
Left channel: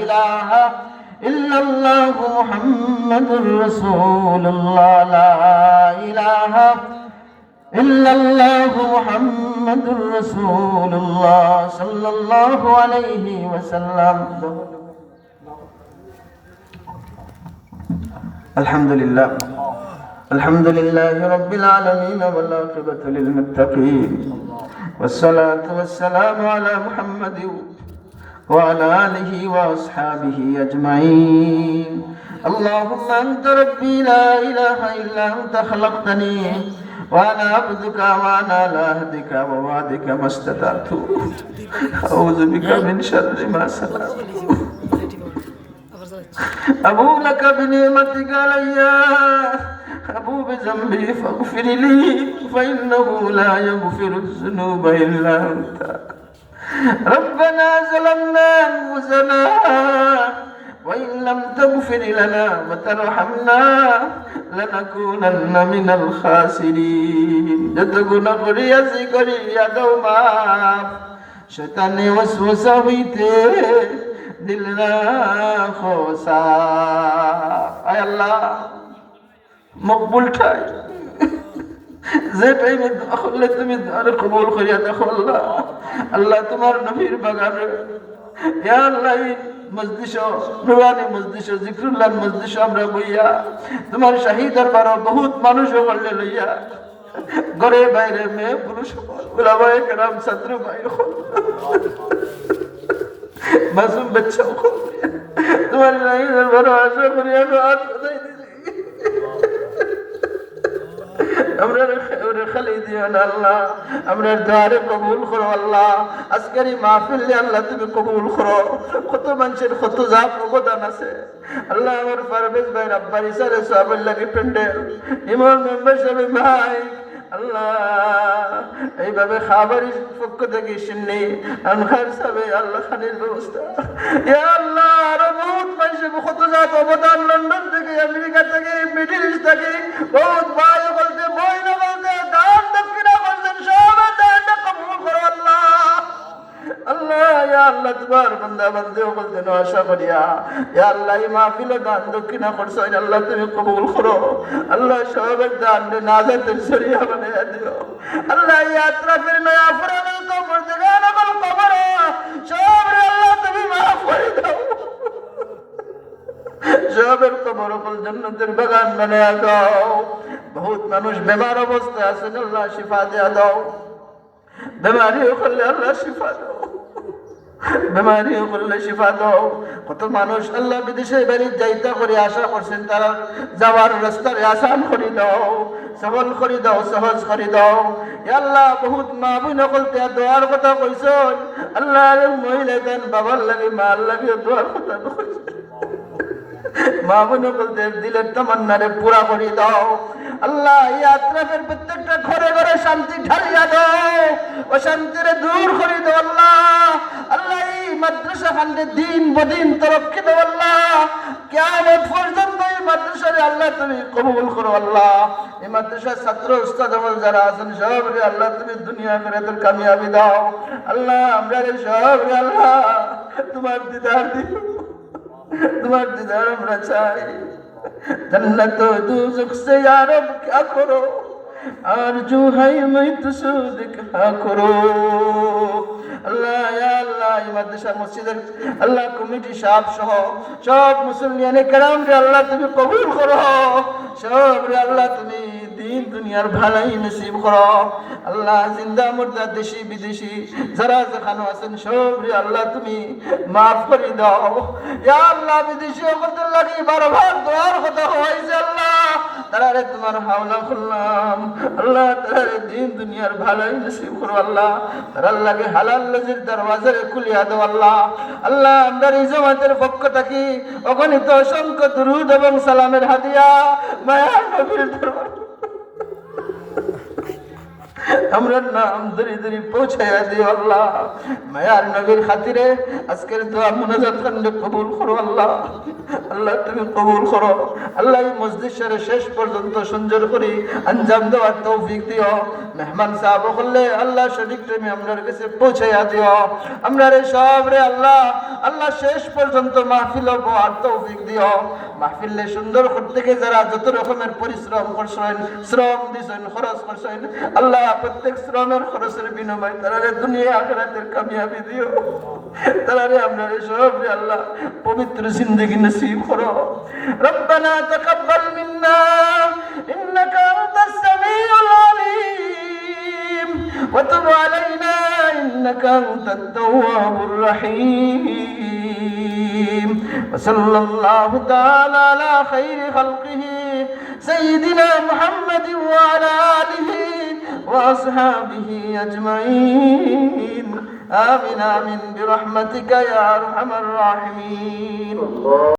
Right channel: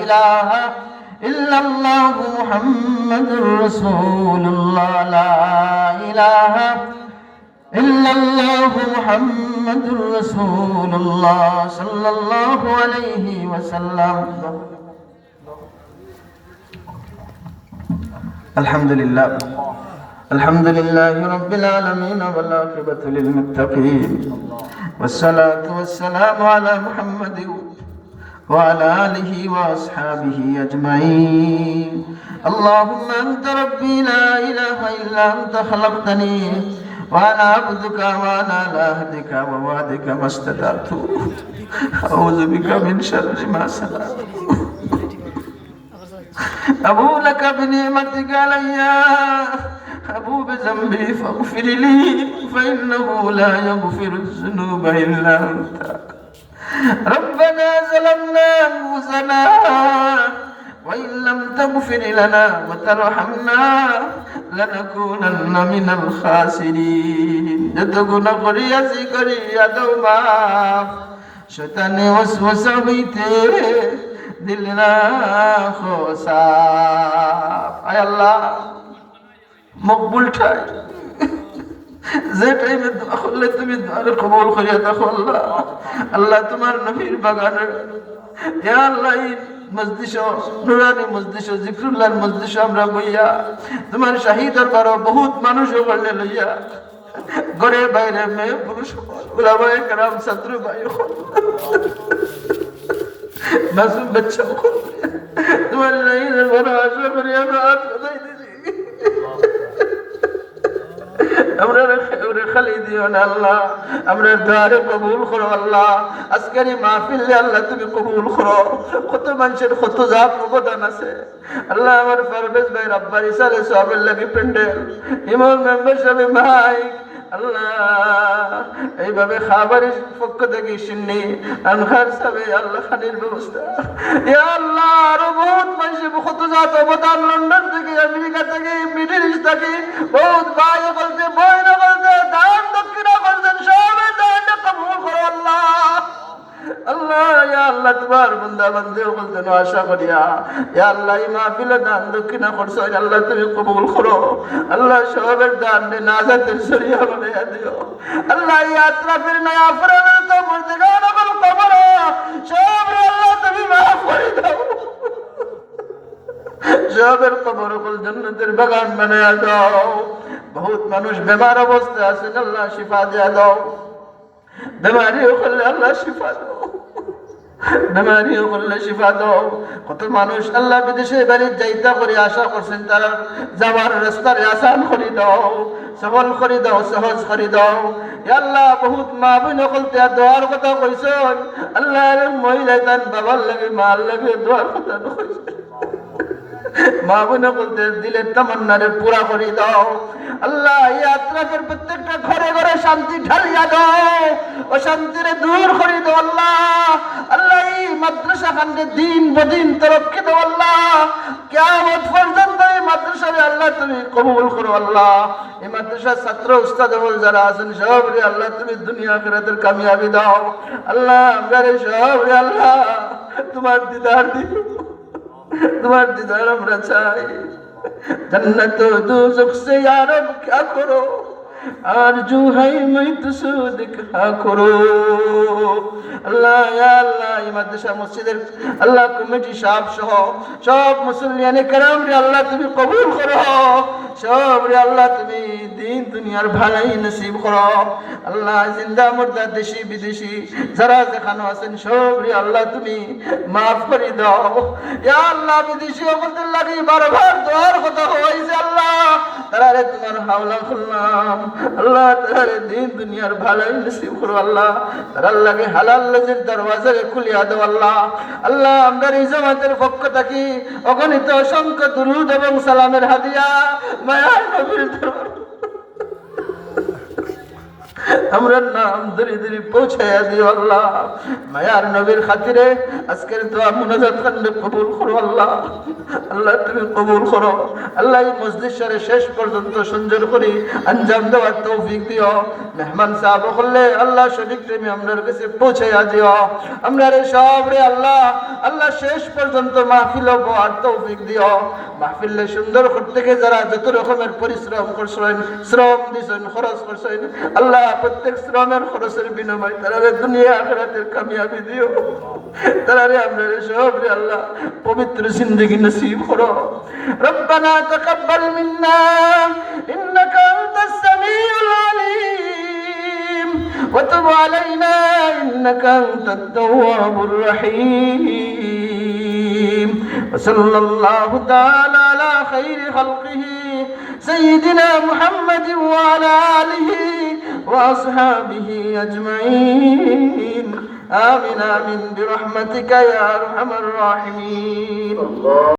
إله إلا الله محمد رسول الله. لا إله إلا الله محمد رسول الله صلى الله عليه وسلم. الحمد لله الحمد لله رب العالمين والعاقبة للمتقين والصلاة والسلام على محمد وعلى آله وأصحابه أجمعين. اللهم أنت ربي لا إله إلا أنت خلقتني وأنا عبدك وأنا على عهدك ووعدك ما استطعت. أعوذ بك من شر ما صنعت. أبو لك بنعمتك علي أبو بذنبي فاغفر لي فإنه لا يغفر الذنوب إلا أنت. ربنا ظلمنا أنفسنا وإن لم تغفر لنا وترحمنا لنكونن من الخاسرين. যত গুনাহ করিয়াছি করিয়া দাও মাফ, শয়তানি ওয়াসওয়াসা হইতে দিল রাখো সাফ। আয় আল্লাহ মকবুল ঠাই, যে টাইমে দোয়া করলে তুমি দোয়ার কবুল করিয়া দেখো আল্লাহ। আল্লাহ তোমার নবীর বাগানে ইয়া আল্লাহ মজলিস, নুরানি মজলিস, জিকরুল্লাহ মজলিস আমরা বইয়া তোমার শাহী দরবার বহুত মানুষ বললে লইয়া ঘরে বাইরে মেয়ে পুরুষ উলামায়ে কেরাম ছাত্র ভাই মাসুম বাচ্চা তোমার শাহী দরবার আশা করিয়া দোয়া খোদাই দিছি। আমরা খালি দিও না আল্লাহ, আমরা দোয়ারে কবুল করো আল্লাহ। আজকের এই মাহফিলে আল্লাহ তুমি কবুল করো। কত মানুষের কত জাপ অবদান আছে আল্লাহ। আমার পারভেজ ভাই রাব্বার ইসারে সাহাবের লাগি প্যান্ডেল, ইমাম মেম্বার সাহেব ভাই আল্লাহ এইভাবে খাবারের পক্ষ থেকে শুননি আনখার সাহেব আল্লাহ খানির ব্যবস্থা ইয়া আল্লাহ। আরো বহুত মানুষের কত জাত অবদান, লন্ডন থেকে, আমেরিকা থেকে, মিডল ইস্ট থেকে বহুত ভাই বলতে বই না বলতে দান দক্ষিণা করছেন, সবে দানটা কবুল করো আল্লাহ। আল্লাহ ইয়া আল্লাহ তোমার বান্দা বান্দিও বলতে আশা করিয়া ইয়া আল্লাহ এই মাহফিলে দান দক্ষিণা করছো আল্লাহ তুমি কবুল করো আল্লাহ। সবের দান নাজাতের শরিয়া বানাইয়া দিও আল্লাহ। ইয়াত্রা ফির নয়া ফরানা তো মুর্দিগানা কল কবর সব আল্লাহ তুমি মাফ করে দাও। সবের কবর কল জান্নাতের বাগান বানাইয়া দাও। বহুত মানুষ বেমার অবস্থায় আছেন আল্লাহ শিফা দিয়া দাও। বেমারিও করলে আল্লাহ শিফা দাও, বেমারিও করলে শিফা দাও। কত মানুষ আল্লাহ বিদেশে বাড়ি যাইতা করে আশা করছেন, তারা যাওয়ার রাস্তার আসান করে দাও, সবল করে দাও, সহজ করে দাও আল্লাহ। বহুত মা বোন সকলতে দোয়ার কথা কইছেন আল্লাহ। মহিলা তান বাবার লাগে মার লাগে দোয়ার কথা কইছেন। মা বোন বলতে দিলের তামান্নারে পুরা করে দাও আল্লাহ। ইয়াত্রাফের প্রত্যেকটা ঘরে ঘরে শান্তি ঢালিয়া দাও, অশান্তিরে দূর করে দাও আল্লাহ। আল্লাহ এই মাদ্রাসা খান্ডে দিন বদিন তরক্কে দাও আল্লাহ। কিয়ামত পর্যন্ত এই মাদ্রাসারে আল্লাহ তুমি কবুল করো আল্লাহ। এই মাদ্রাসার ছাত্র উস্তাদ যারা আছেন সবরে আল্লাহ তুমি দুনিয়া আখিরাতের কামিয়াবি দাও আল্লাহ। আমরা রে সবরে আল্লাহ তোমার দিদার দিও, তোমার দিদার আমরা চাই जन्नत दोज़ख से या रब क्या करो, आरज़ू है मैं तुझसे दिखा करो। আল্লাহ ইয়া আল্লাহ এই মাদ্রাসা মসজিদের আল্লাহ কমিটি সাহেব সহ সব মুসলিয়ানে কেরাম রে আল্লাহ তুমি কবুল করো, সব রে আল্লাহ তুমি দিন দুনিয়ার ভালাই নসিব করো। আল্লাহ জিন্দা মুর্দা দেশি বিদেশি যারা যেখানে আছেন সব রে আল্লাহ তুমি মাফ করে দাও। ইয়া আল্লাহ বিদেশি ওদের লাগি বারবার দোয়ার কথা হয়েছে আল্লাহ, তারা রে তোমার হাওলা করলাম আল্লাহ, তারা দিন দুনিয়ার ভালাই নসিব করো আল্লাহ, তারা লাগে হালাল লেজের দরওয়াজা খুলিয়া দাও আল্লাহ। আল্লাহ আমরা এই জামাতের পক্ষ থাকি অগণিত অসংখ্য দুরূদ এবং সালামের হাদিয়া মায়ার নবীর দরবার আমরা নাম ধরে ধরে পৌঁছাইয়া দিও আল্লাহ। মায়ার নবীর খাতিরে আজকের দোয়া মুনাজাত কান্ড কবুল করো আল্লাহ, আল্লাহ তুমি কবুল করো আল্লাহ। এই মসজিদ শরীফ শেষ পর্যন্ত সুন্দর করে আঞ্জাম দেওয়ার তৌফিক দিও। মেহমান সাহেব করলে আল্লাহ সঠিক টাইমে আমরার কাছে পৌঁছাইয়া দিও। আমরা রে সব রে আল্লাহ আল্লাহ শেষ পর্যন্ত মাহফিল আর তৌফিক দিও। মাহফিলে সুন্দর করতে গিয়ে যারা যত রকমের পরিশ্রম করছেন, শ্রম দিয়েছেন, খরচ করছেন আল্লাহ প্রত্যেক শ্রমের খরচের বিনিময়ে তারা দুনিয়া আখিরাতের কামিয়াবি দিও। তারা রে আমরা সব রে আল্লাহ পবিত্র জিন্দেগি নসিব করো। রব্বানা তাকাব্বাল মিন্না ইন্নাকা আনতাস সামিউল আলিম ওয়া তুব আলাইনা ইন্নাকা আনতাত তাওয়াবুর রহিম। ওয়া সাল্লাল্লাহু তাআলা আলা খাইরি খালকিহি সাইয়্যিদিনা মুহাম্মাদিন ওয়া আলা আলিহি ওয়া আসহাবিহি আজমাইন। آمين آمين برحمتك يا أرحم الراحمين।